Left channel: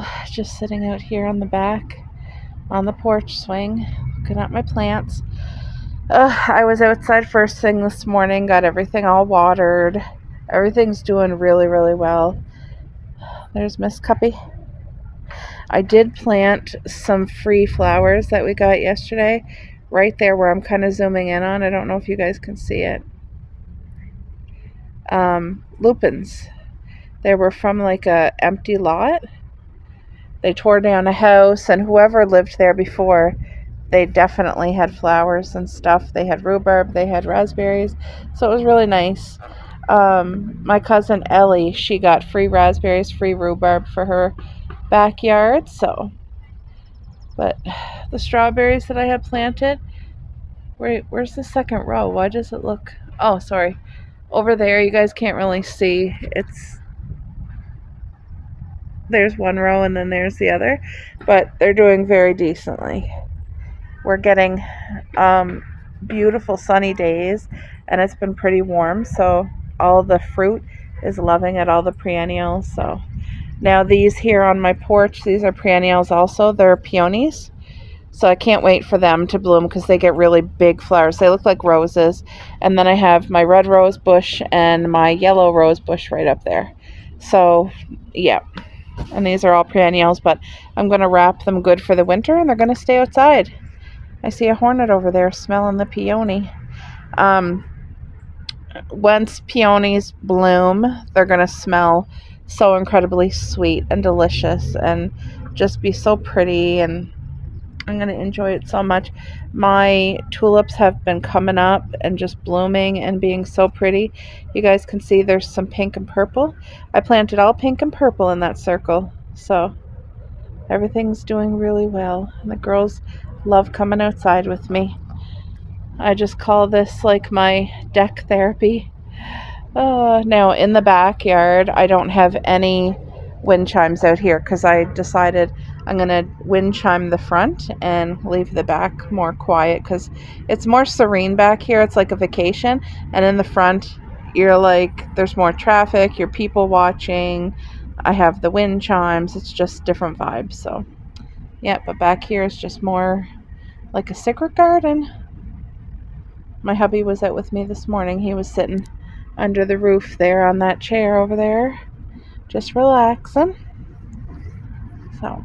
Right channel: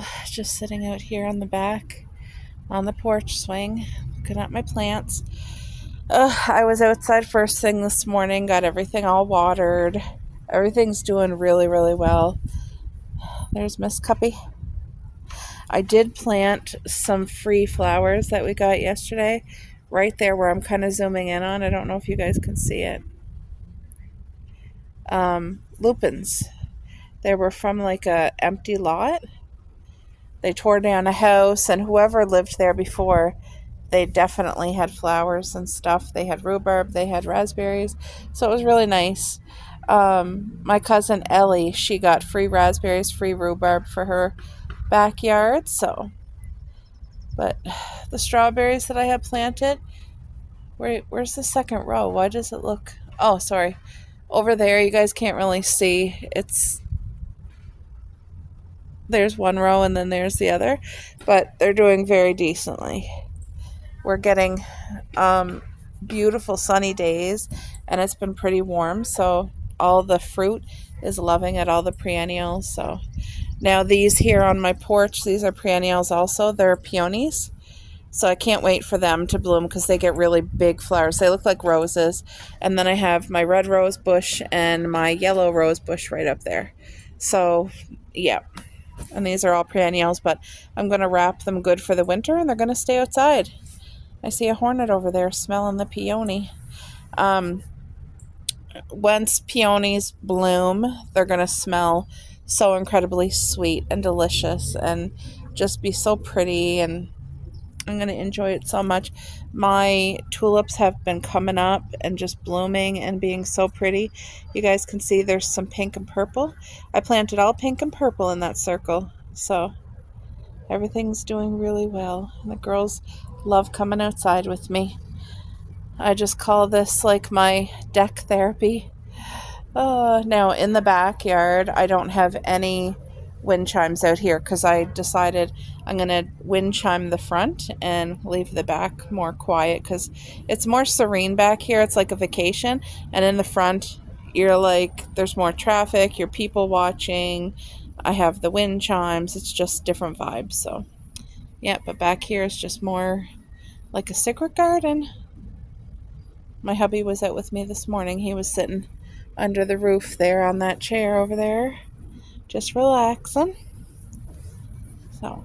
So just sitting out here on the back on the porch swing, looking at my plants. I was outside first thing this morning, got everything all watered. Everything's doing really, really well. There's Miss Cuppy. I did plant some free flowers that we got yesterday right there where I'm kind of zooming in on. I don't know if you guys can see it. Lupins. They were from like a empty lot. They tore down a house, and whoever lived there before, they definitely had flowers and stuff. They had rhubarb, they had raspberries, so it was really nice. My cousin Ellie, she got free raspberries, free rhubarb for her backyard. So, but the strawberries that I have planted, where's the second row? Why does it look? Oh, sorry, over there. You guys can't really see. There's one row and then there's the other, but they're doing very decently. We're getting beautiful sunny days, and it's been pretty warm, so all the fruit is loving it, all the perennials. So now these here on my porch, these are perennials also. They're peonies, so I can't wait for them to bloom because they get really big flowers. They look like roses. And then I have my red rose bush and my yellow rose bush right up there. So yeah, and these are all perennials, but I'm going to wrap them good for the winter, and they're going to stay outside. I see a hornet over there smelling the peony. Once peonies bloom, they're going to smell so incredibly sweet and delicious and just be so pretty, and I'm going to enjoy it so much. My tulips have been coming up and just blooming and being so pretty. You guys can see there's some pink and purple. I planted all pink and purple in that circle, so everything's doing really well. And the girls love coming outside with me. I just call this like my deck therapy. Now in the backyard, I don't have any wind chimes out here because I decided I'm going to wind chime the front and leave the back more quiet because it's more serene back here. It's like a vacation. And in the front, you're like, there's more traffic, you're people watching. I have the wind chimes. It's just different vibes. So yeah, but back here is just more like a secret garden. My hubby was out with me this morning. He was sitting under the roof there on that chair over there, just relaxing. So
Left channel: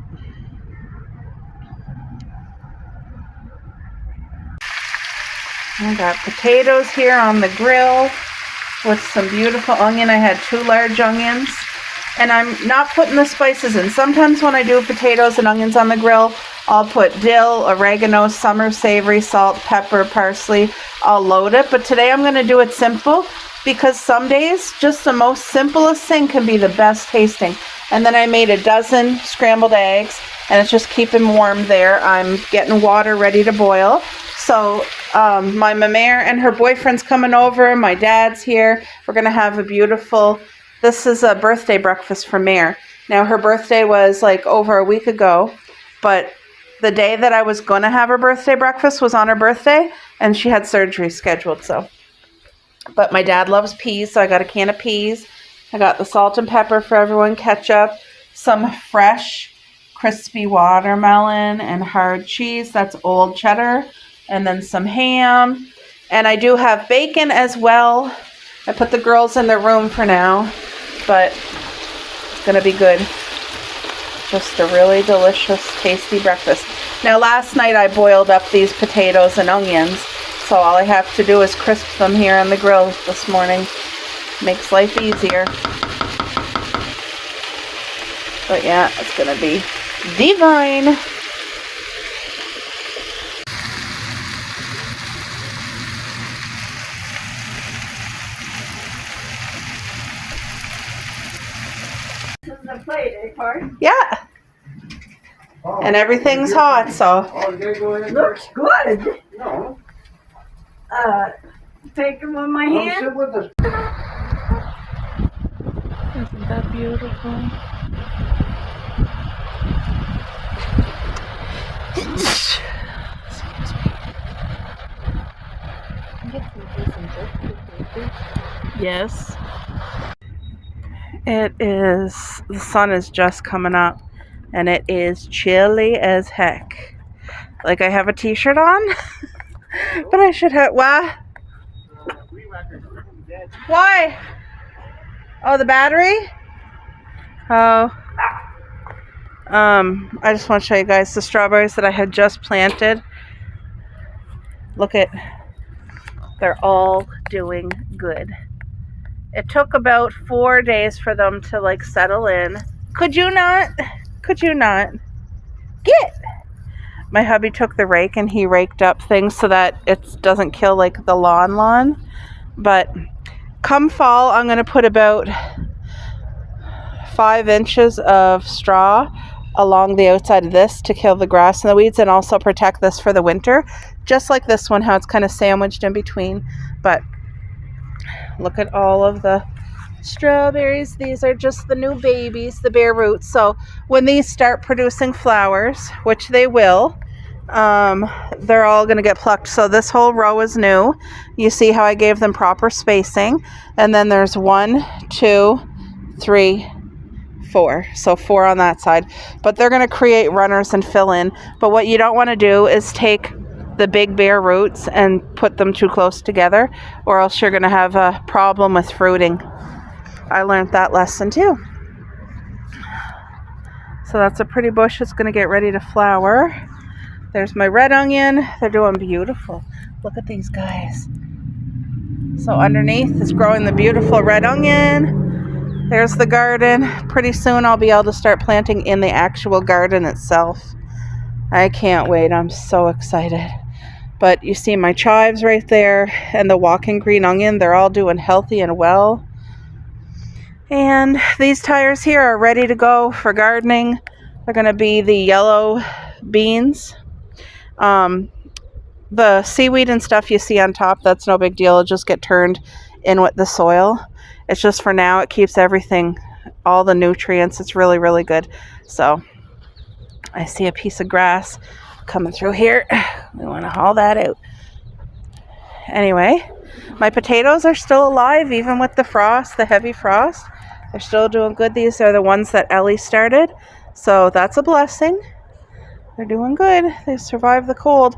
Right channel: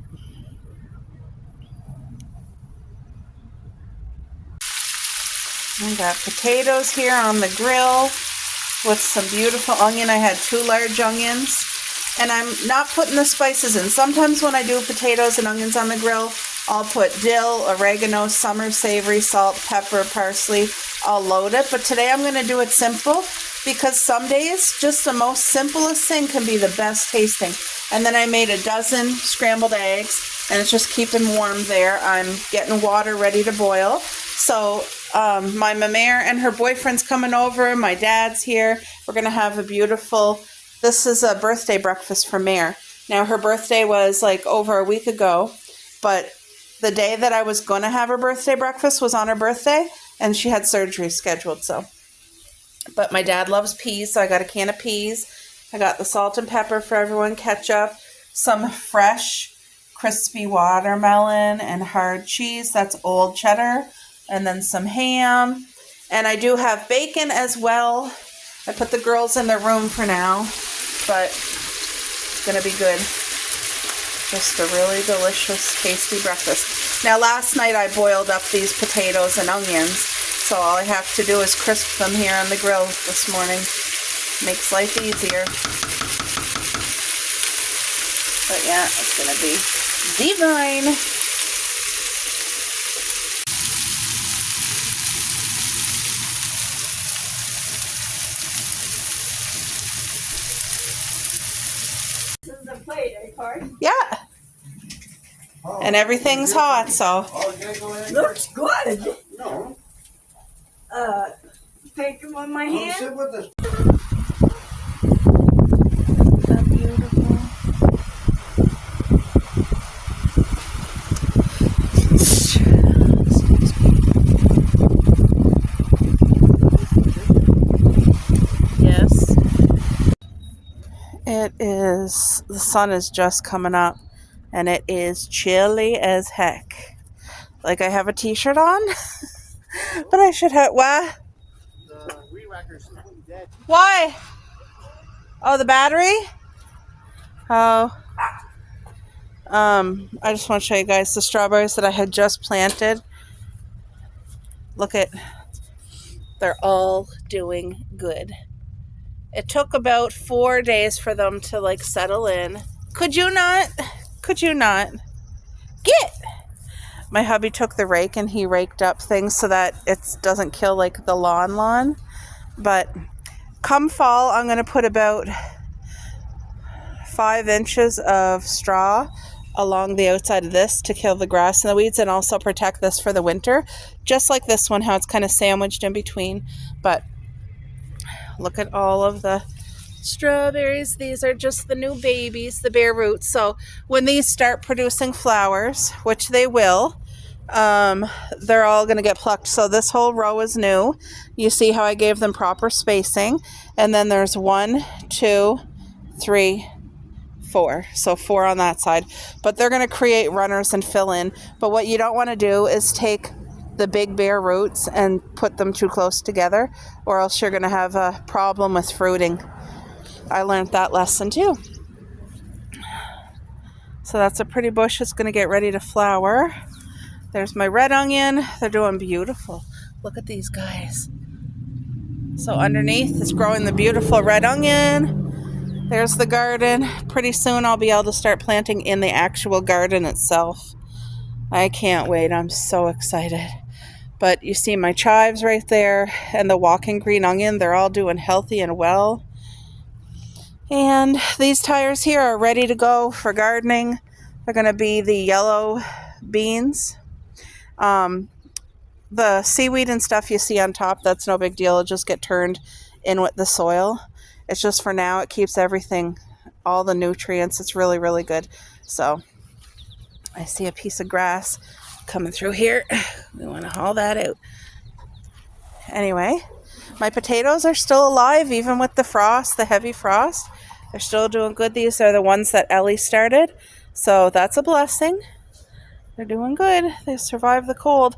I got potatoes here on the grill with some beautiful onion. I had 2 large onions, and I'm not putting the spices in. Sometimes when I do potatoes and onions on the grill, I'll put dill, oregano, summer savory, salt, pepper, parsley. I'll load it, but today I'm going to do it simple because some days just the most simplest thing can be the best tasting. And then I made a dozen scrambled eggs, and it's just keeping warm there. I'm getting water ready to boil. So my mare and her boyfriend's coming over. My dad's here. We're going to have a beautiful, this is a birthday breakfast for Mare. Now her birthday was like over a week ago, but the day that I was going to have her birthday breakfast was on her birthday, and she had surgery scheduled. So, but my dad loves peas, so I got a can of peas. I got the salt and pepper for everyone, ketchup, some fresh crispy watermelon and hard cheese. That's old cheddar. And then some ham. And I do have bacon as well. I put the girls in their room for now, but it's going to be good. Just a really delicious, tasty breakfast. Now, last night I boiled up these potatoes and onions, so all I have to do is crisp them here on the grill this morning. Makes life easier. But yeah, it's going to be divine. This is a plate, eh, Corey? Yeah. And everything's hot, so. Looks good. No. Take them with my Come hand. sit with us. How beautiful. Excuse me. Yes. It is, the sun is just coming up. and it is chilly as heck. Like I have a t-shirt on, but I should have, what? Why? Oh, the battery? Oh. I just want to show you guys the strawberries that I had just planted. Look at, they're all doing good. It took about 4 days for them to like settle in. Could you not? Could you not? Get! My hubby took the rake and he raked up things so that it doesn't kill like the lawn. But come fall, I'm going to put about 5 inches of straw along the outside of this to kill the grass and the weeds, and also protect this for the winter, just like this one, how it's kind of sandwiched in between. But look at all of the strawberries. These are just the new babies, the bare roots. So when these start producing flowers, which they will, they're all going to get plucked. So this whole row is new. You see how I gave them proper spacing, and then there's 1, 2, 3, 4. So 4 on that side, but they're going to create runners and fill in. But what you don't want to do is take the big bare roots and put them too close together, or else you're going to have a problem with fruiting. I learned that lesson too. So that's a pretty bush. It's going to get ready to flower. There's my red onion. They're doing beautiful. Look at these guys. So underneath is growing the beautiful red onion. There's the garden. Pretty soon I'll be able to start planting in the actual garden itself. I can't wait. I'm so excited. But you see my chives right there and the walking green onion. They're all doing healthy and well. And these tires here are ready to go for gardening. They're going to be the yellow beans. The seaweed and stuff you see on top, that's no big deal. It'll just get turned in with the soil. It's just for now, it keeps everything, all the nutrients. It's really, really good. So I see a piece of grass coming through here. We want to haul that out. Anyway, my potatoes are still alive, even with the frost, the heavy frost. They're still doing good. These are the ones that Ellie started. So that's a blessing. They're doing good. They survived the cold.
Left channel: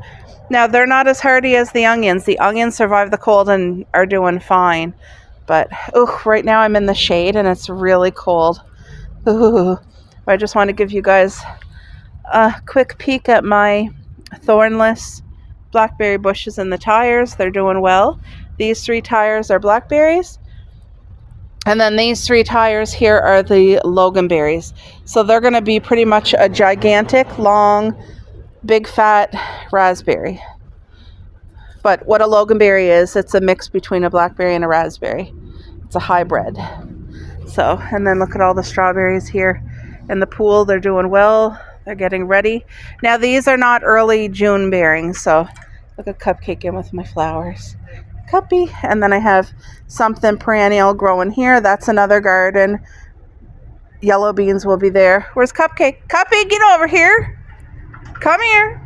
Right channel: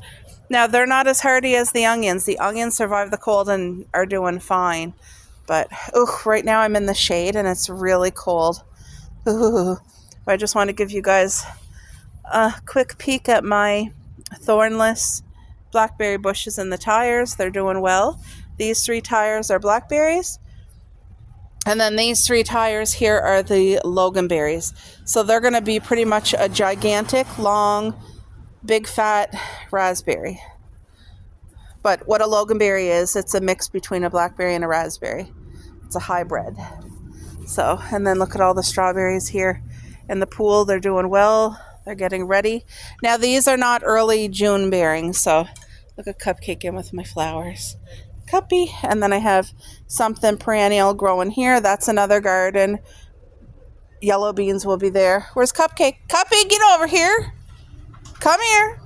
Now, they're not as hardy as the onions. The onions survive the cold and are doing fine. But, right now I'm in the shade and it's really cold. I just want to give you guys a quick peek at my thornless blackberry bushes in the tires. They're doing well. These 3 tires are blackberries. And then these 3 tires here are the loganberries. So they're going to be pretty much a gigantic, long, big, fat raspberry. But what a loganberry is, it's a mix between a blackberry and a raspberry. It's a hybrid. So, and then look at all the strawberries here in the pool. They're doing well. They're getting ready. Now, these are not early June bearing. So, look at Cupcake in with my flowers. Cuppy. And then I have something perennial growing here. That's another garden. Yellow beans will be there. Where's Cupcake? Cuppy, get over here. Come here.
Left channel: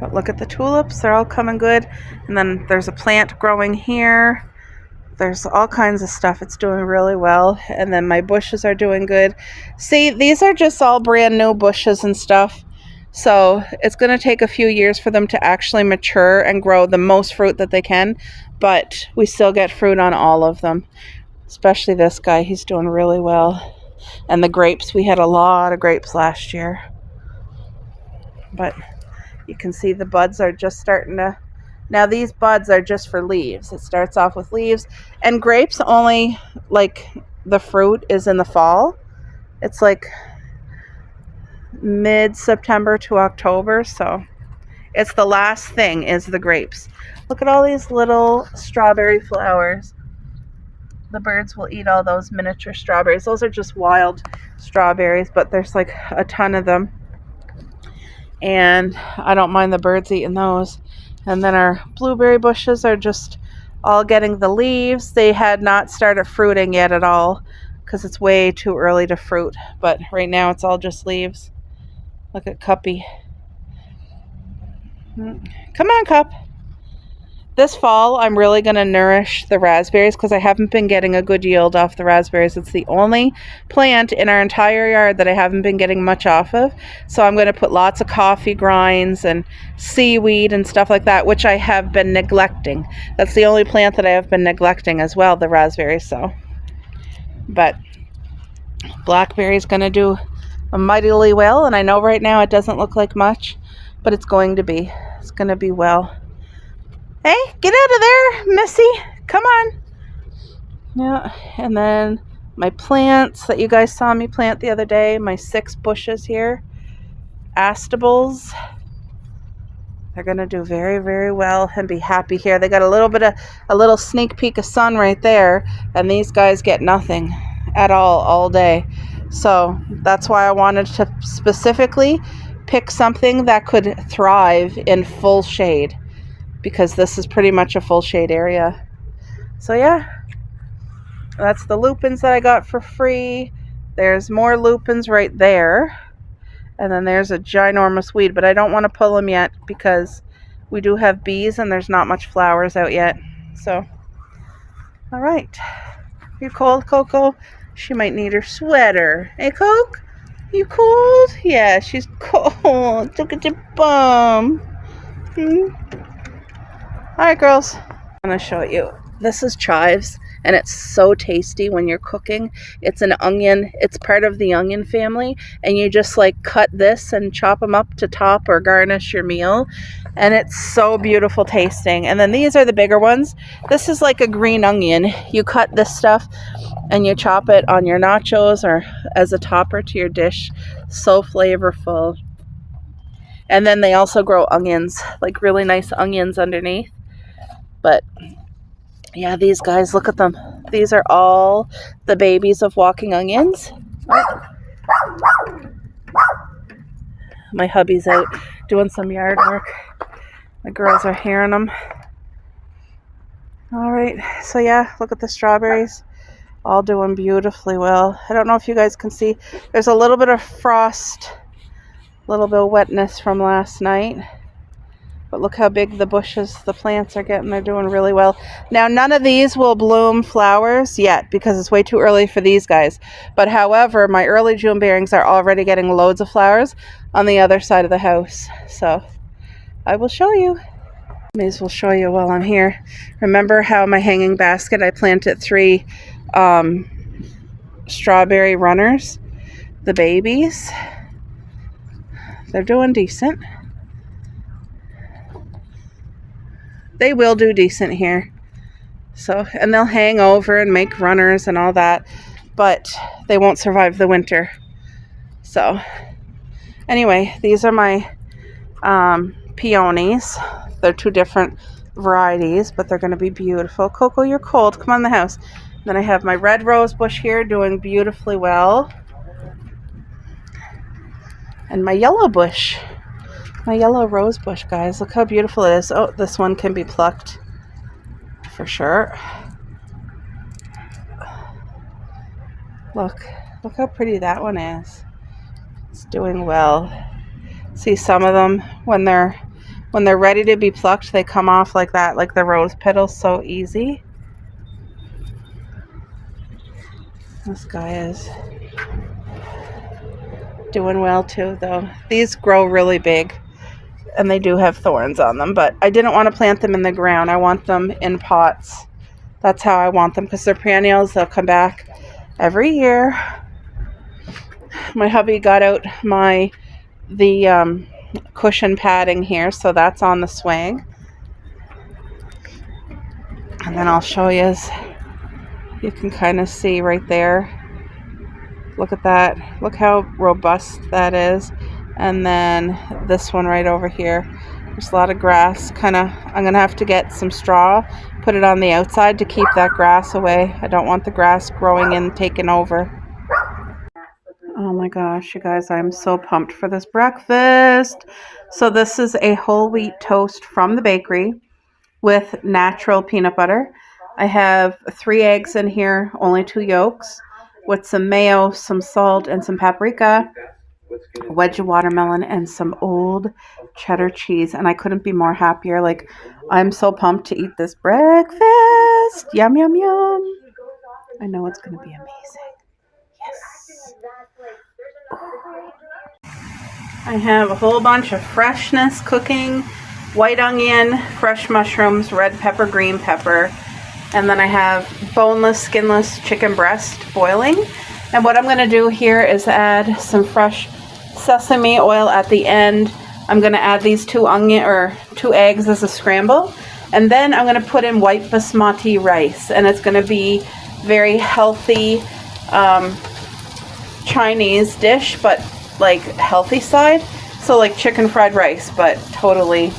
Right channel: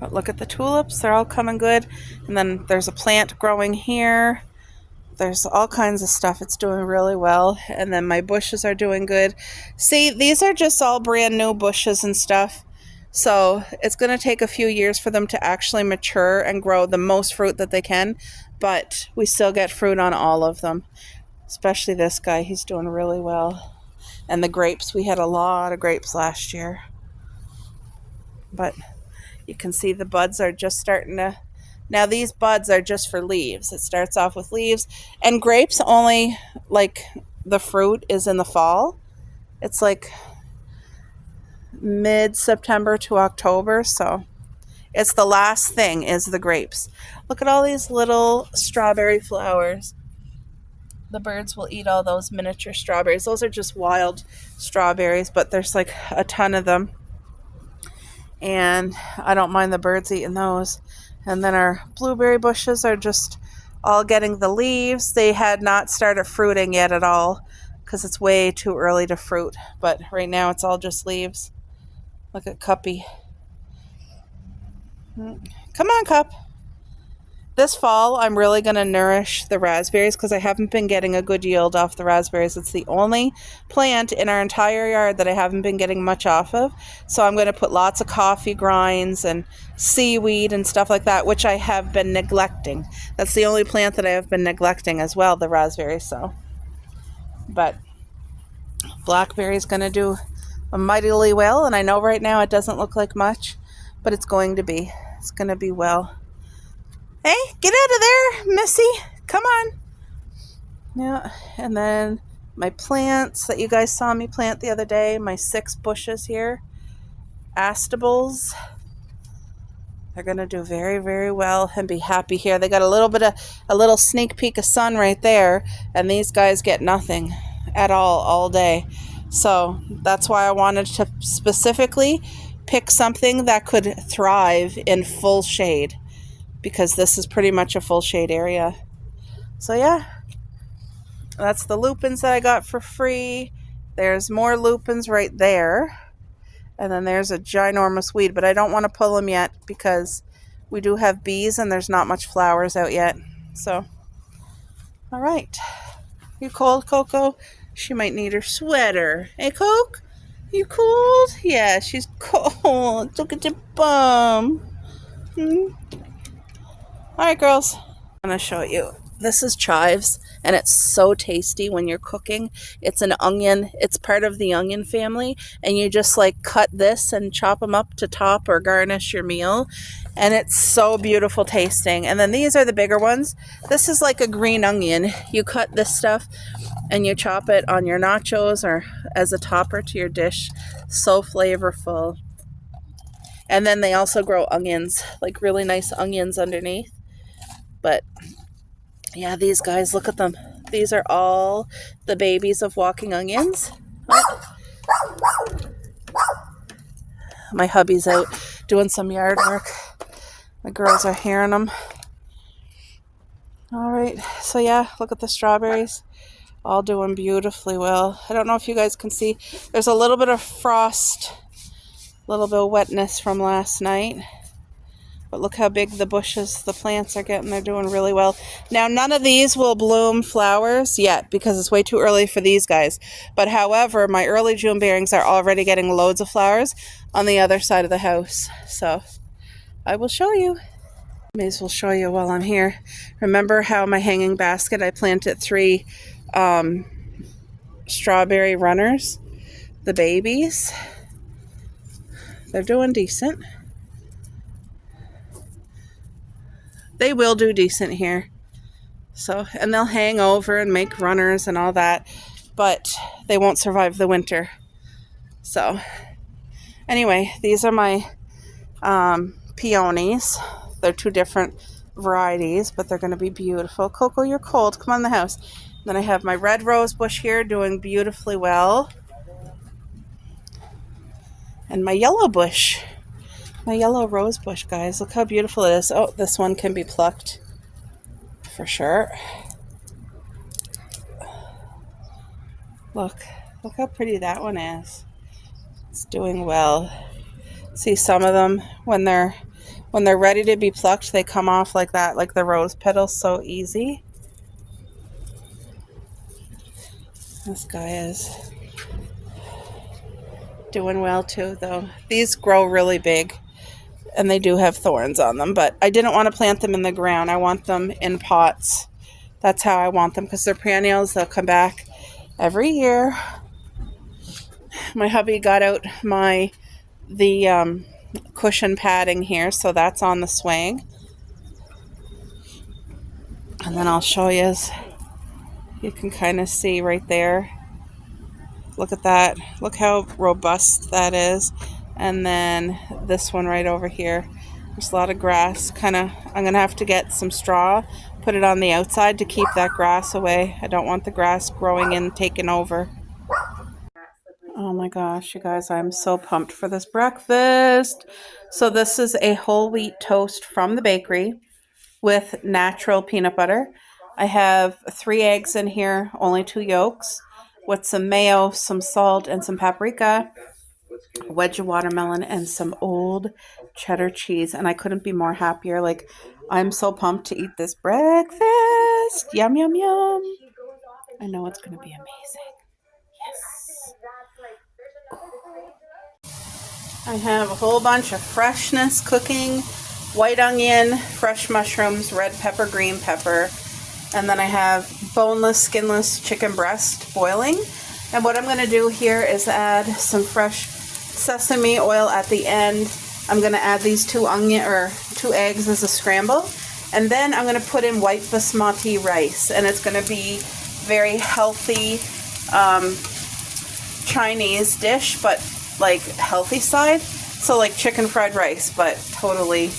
But look at the tulips. They're all coming good. And then there's a plant growing here. There's all kinds of stuff. It's doing really well. And then my bushes are doing good. See, these are just all brand new bushes and stuff. So it's going to take a few years for them to actually mature and grow the most fruit that they can. But we still get fruit on all of them. Especially this guy. He's doing really well. And the grapes. We had a lot of grapes last year. But you can see the buds are just starting to... Now these buds are just for leaves. It starts off with leaves. And grapes only, like, the fruit is in the fall. It's like mid-September to October. So it's the last thing is the grapes. Look at all these little strawberry flowers. The birds will eat all those miniature strawberries. Those are just wild strawberries, but there's like a ton of them. And I don't mind the birds eating those. And then our blueberry bushes are just all getting the leaves. They had not started fruiting yet at all because it's way too early to fruit. But right now it's all just leaves. Look at Cuppy. Come on, Cup. This fall, I'm really going to nourish the raspberries because I haven't been getting a good yield off the raspberries. It's the only plant in our entire yard that I haven't been getting much off of. So I'm going to put lots of coffee grinds and seaweed and stuff like that, which I have been neglecting. That's the only plant that I have been neglecting as well, the raspberries. So, but blackberry's going to do mightily well, and I know right now it doesn't look like much, but it's going to be. It's going to be well. Hey, get out of there, Missy. Come on. Yeah, and then my plants that you guys saw me plant the other day, my 6 bushes here, astables. They're going to do very, very well and be happy here. They got a little sneak peek of sun right there, and these guys get nothing at all day. So that's why I wanted to specifically pick something that could thrive in full shade, because this is pretty much a full shade area. So yeah, that's the lupins that I got for free. There's more lupins right there. And then there's a ginormous weed, but I don't want to pull them yet because we do have bees and there's not much flowers out yet. So, all right. You cold, Coco? She might need her sweater. Hey, Coke? You cold? Yeah, she's cold. Look at your bum. All right, girls. I'm going to show you. This is chives, and it's so tasty when you're cooking. It's an onion. It's part of the onion family, and you just like cut this and chop them up to top or garnish your meal, and it's so beautiful tasting. And then these are the bigger ones. This is like a green onion. You cut this stuff and you chop it on your nachos or as a topper to your dish. So flavorful. And then they also grow onions, like really nice onions underneath. But yeah, these guys, look at them. These are all the babies of walking onions. Oh. My hubby's out doing some yard work. The girls are hearing them. All right, so yeah, look at the strawberries. All doing beautifully well. I don't know if you guys can see. There's a little bit of frost, a little bit of wetness from last night. But look how big the bushes, the plants are getting. They're doing really well. Now, none of these will bloom flowers yet because it's way too early for these guys. But however, my early June bearings are already getting loads of flowers on the other side of the house. So I will show you. May as well show you while I'm here. Remember how my hanging basket, I planted 3 strawberry runners, the babies. They're doing decent. They will do decent here. So, and they'll hang over and make runners and all that, but they won't survive the winter. So, anyway, these are my peonies. They're 2 different varieties, but they're going to be beautiful. Coco, you're cold. Come on in the house. Then I have my red rose bush here doing beautifully well. And my yellow bush. My yellow rose bush, guys. Look how beautiful it is. Oh, this one can be plucked for sure. Look how pretty that one is. It's doing well. See, some of them, when they're ready to be plucked, they come off like that, like the rose petals, so easy. This guy is doing well too, though. These grow really big. And they do have thorns on them, but I didn't want to plant them in the ground. I want them in pots. That's how I want them because they're perennials. They'll come back every year. My hubby got out the cushion padding here, so that's on the swing. And then I'll show you. You can kind of see right there. Look at that. Look how robust that is. And then this one right over here, there's a lot of grass. I'm gonna have to get some straw, put it on the outside to keep that grass away. I don't want the grass growing and taking over. Oh my gosh, you guys, I'm so pumped for this breakfast. So this is a whole wheat toast from the bakery with natural peanut butter. I have 3 eggs in here, only 2 yolks, with some mayo, some salt, and some paprika, a wedge of watermelon, and some old cheddar cheese. And I couldn't be more happier. Like, I'm so pumped to eat this breakfast. Yum, yum, yum. I know it's going to be amazing. Yes. I have a whole bunch of freshness cooking. White onion, fresh mushrooms, red pepper, green pepper. And then I have boneless, skinless chicken breast boiling. And what I'm going to do here is add some fresh sesame oil at the end. I'm going to add these two eggs as a scramble. And then I'm going to put in white basmati rice. And it's going to be very healthy Chinese dish, but like healthy side. So like chicken fried rice, but totally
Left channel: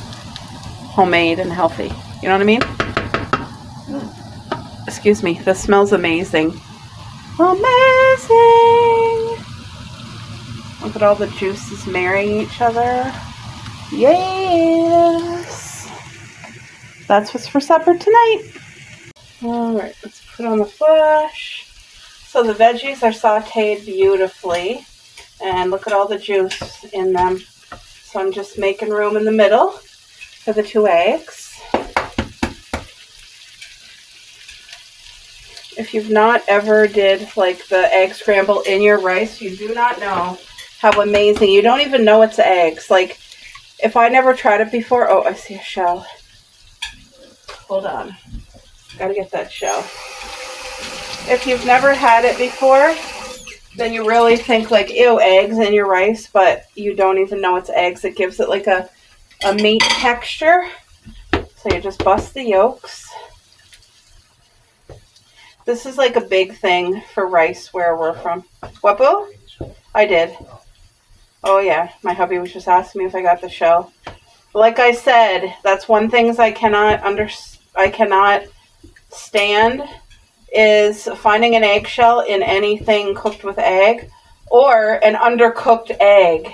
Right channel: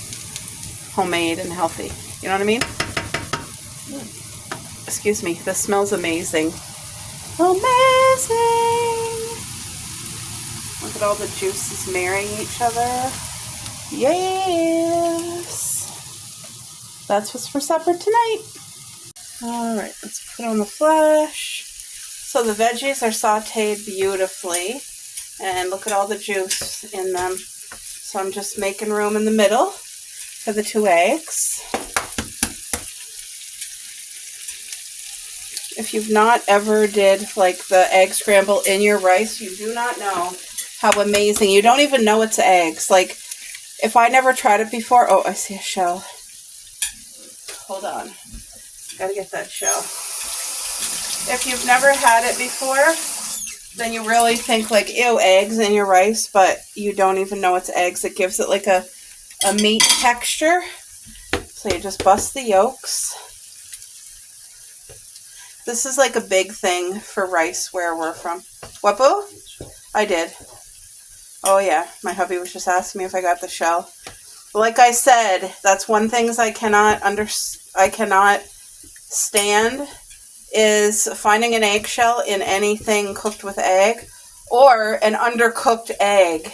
homemade and healthy. You know what I mean? Excuse me, this smells amazing. Amazing! Look at all the juices marrying each other. Yes! That's what's for supper tonight. Alright, let's put on the flash. So the veggies are sauteed beautifully. And look at all the juice in them. So I'm just making room in the middle for the 2 eggs. If you've not ever did like the egg scramble in your rice, you do not know how amazing. You don't even know it's eggs. Like if I never tried it before, oh, I see a shell. Hold on. Gotta get that shell. If you've never had it before, then you really think like, ew, eggs in your rice, but you don't even know it's eggs. It gives it like a meat texture. So you just bust the yolks. This is like a big thing for rice where we're from. What, boo? I did. Oh yeah, my hubby was just asking me if I got the shell. Like I said, that's one thing I cannot stand is finding an eggshell in anything cooked with egg or an undercooked egg.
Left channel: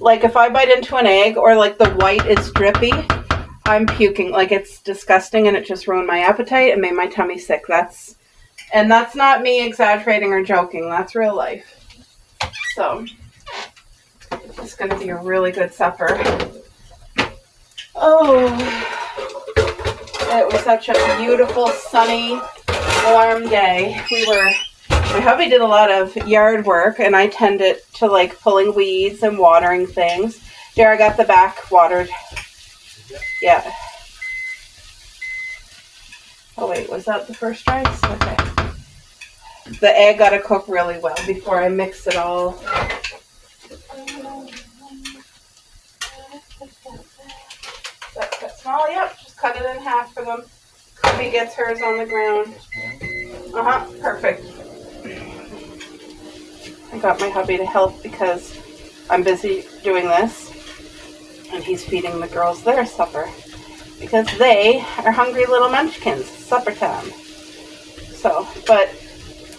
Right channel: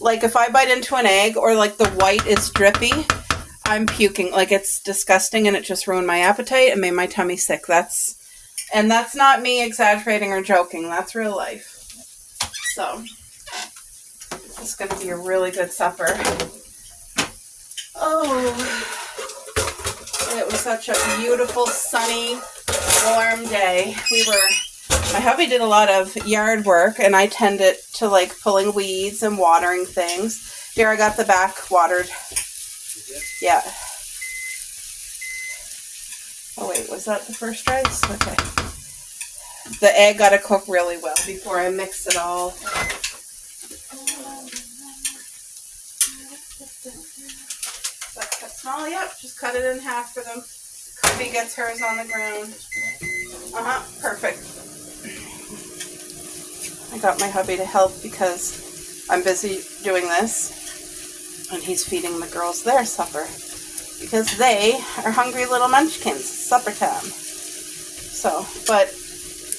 Like if I bite into an egg or like the white is drippy, I'm puking. Like it's disgusting and it just ruined my appetite and made my tummy sick. That's not me exaggerating or joking. That's real life. So it's going to be a really good supper. Oh, it was such a beautiful, sunny, warm day. My hubby did a lot of yard work and I tended to like pulling weeds and watering things. Here, I got the back watered. Yeah. Oh wait, was that the first rice? Okay. The egg got to cook really well before I mix it all. Cut small, yep. Just cut it in half for them. Kobe gets hers on the ground. Perfect. I got my hubby to help because I'm busy doing this. And he's feeding the girls their supper. Because they are hungry little munchkins. Supper time. So, but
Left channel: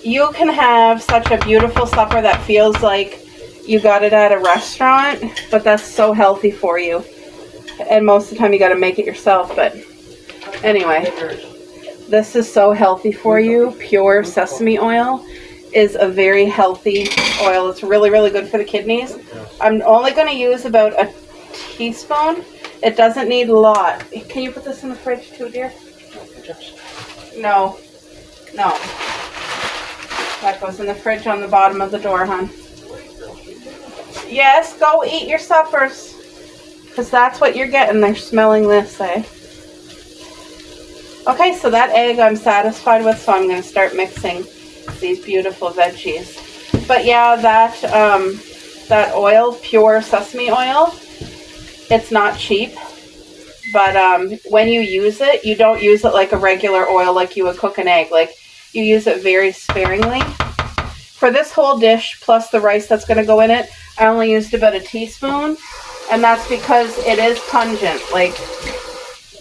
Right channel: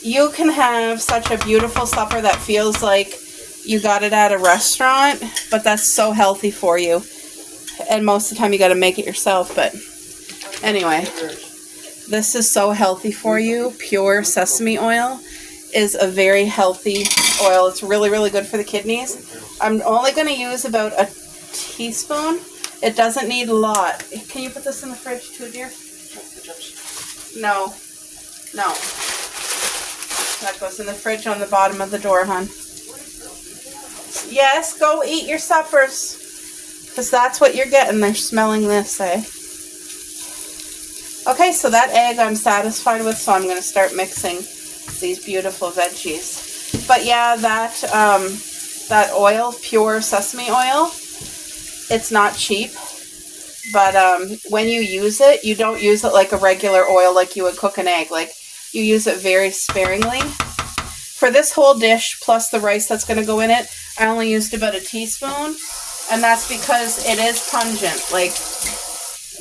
you can have such a beautiful supper that feels like you got it at a restaurant, but that's so healthy for you. And most of the time you got to make it yourself, but anyway, this is so healthy for you. Pure sesame oil is a very healthy oil. It's really, really good for the kidneys. I'm only going to use about a teaspoon. It doesn't need a lot. Can you put this in the fridge too, dear? No. That goes in the fridge on the bottom of the door, hon. Yes, go eat your suppers. Because that's what you're getting. They're smelling this, eh? Okay, so that egg I'm satisfied with, so I'm going to start mixing these beautiful veggies. But yeah, that oil, pure sesame oil, it's not cheap. But when you use it, you don't use it like a regular oil like you would cook an egg. Like, you use it very sparingly. For this whole dish, plus the rice that's going to go in it, I only used about a teaspoon. And that's because it is pungent.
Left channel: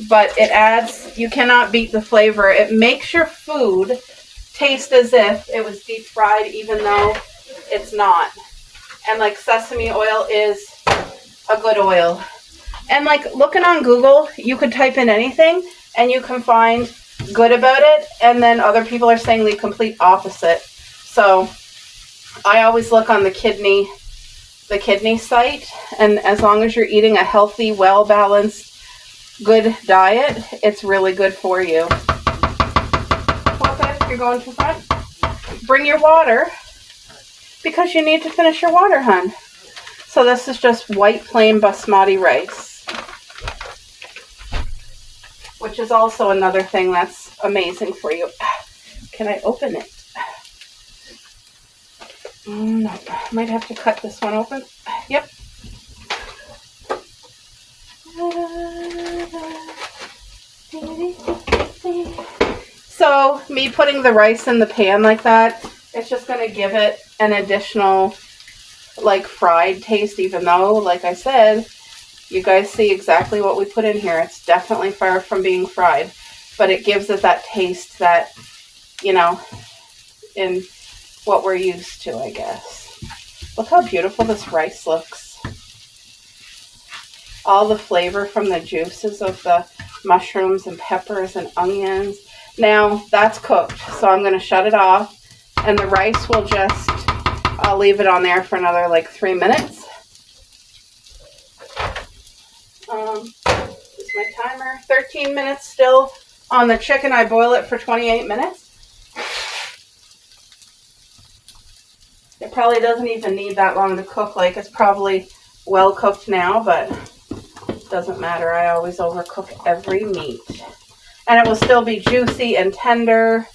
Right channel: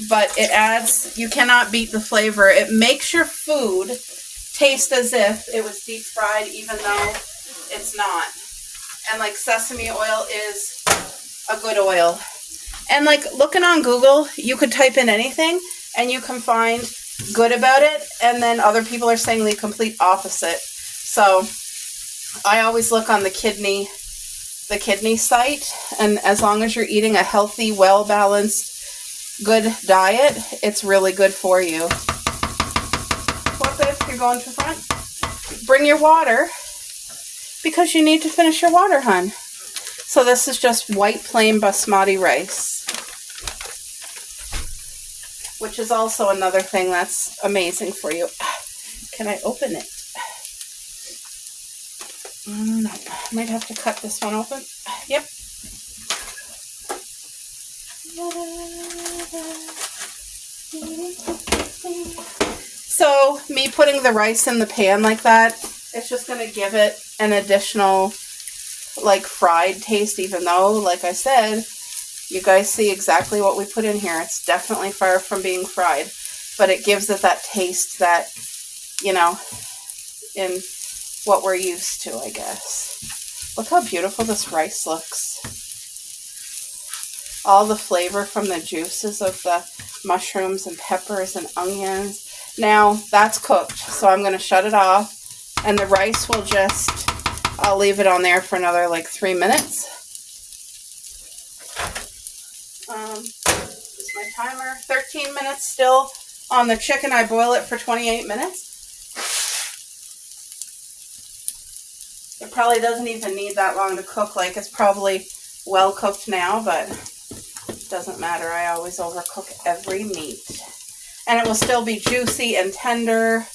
But it adds, you cannot beat the flavor. It makes your food taste as if it was deep fried, even though it's not. And like sesame oil is a good oil. And like looking on Google, you could type in anything and you can find good about it. And then other people are saying the complete opposite. So I always look on the kidney site. And as long as you're eating a healthy, well-balanced good diet, it's really good for you. What if you're going too far? Bring your water, because you need to finish your water, hun. So this is just white plain basmati rice, which is also another thing that's amazing for you. Can I open it? No, I might have to cut this one open. Yep. So me putting the rice in the pan like that, it's just going to give it an additional like fried taste, even though, like I said, you guys see exactly what we put in here. It's definitely far from being fried, but it gives it that taste that, you know, in what we're used to, I guess. Look how beautiful this rice looks. All the flavor from the juices of the mushrooms and peppers and onions. Now that's cooked, so I'm going to shut it off, and the rice will just, I'll leave it on there for another like 3 minutes. This is my timer. 13 minutes still on the chicken. I boil it for 28 minutes. It probably doesn't even need that long to cook. Like, it's probably well cooked now, but it doesn't matter. I always overcook every meat. And it will still be juicy and tender.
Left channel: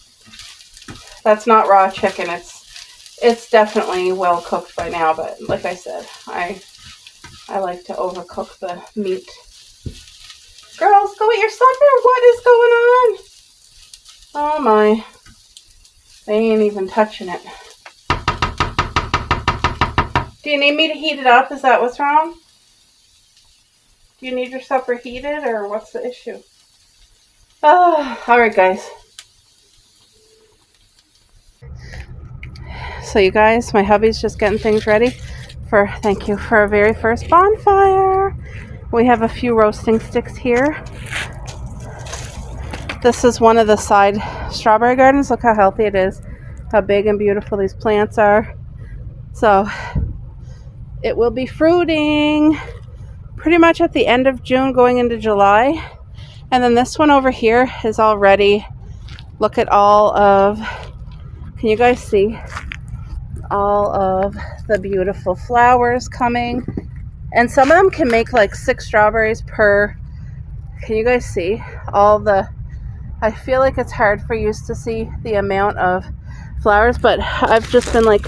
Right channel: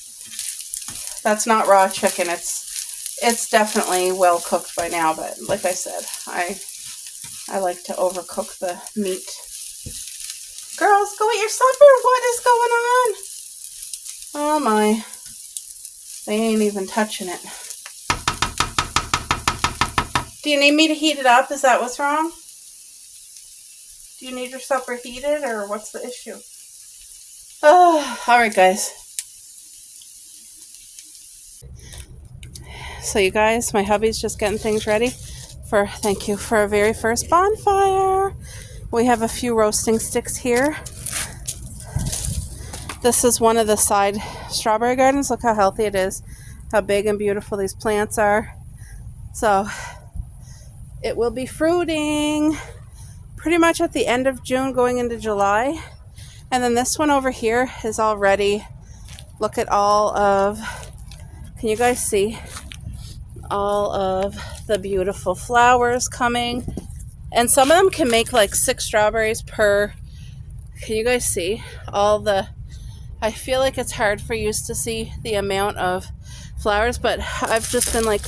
That's not raw chicken. It's definitely well cooked by now, but like I said, I like to overcook the meat. Girls, go eat your supper. What is going on? Oh my. They ain't even touching it. Do you need me to heat it up? Is that what's wrong? Do you need your supper heated, or what's the issue? Oh, all right, guys. So you guys, my hubby's just getting things ready for, thank you, for our very first bonfire. We have a few roasting sticks here. This is one of the side strawberry gardens. Look how healthy it is, how big and beautiful these plants are. So it will be fruiting pretty much at the end of June going into July. And then this one over here is all ready. Look at all of, can you guys see? All of the beautiful flowers coming. And some of them can make like 6 strawberries per, can you guys see? All the, I feel like it's hard for you to see the amount of flowers, but I've just been like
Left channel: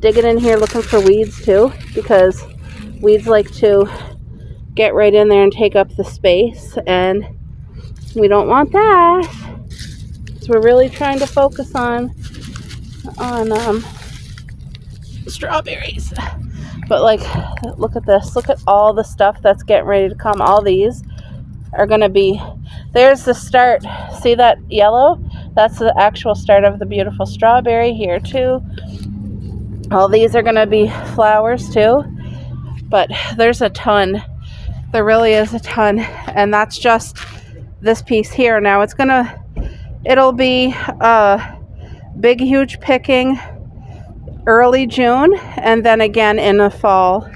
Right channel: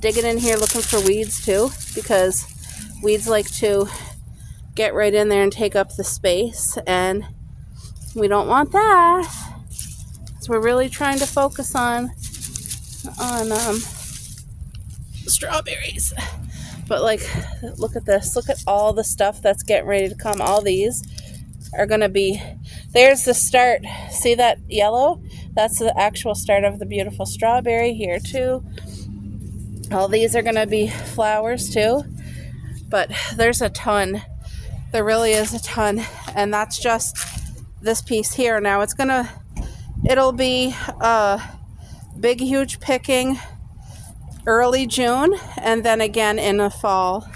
digging in here looking for weeds too, because weeds like to get right in there and take up the space, and we don't want that. So we're really trying to focus on strawberries. But like, look at this. Look at all the stuff that's getting ready to come. All these are going to be, there's the start. See that yellow? That's the actual start of the beautiful strawberry here too. All these are going to be flowers too. But there's a ton. There really is a ton. And that's just this piece here. Now it'll be big, huge picking early June, and then again in the fall,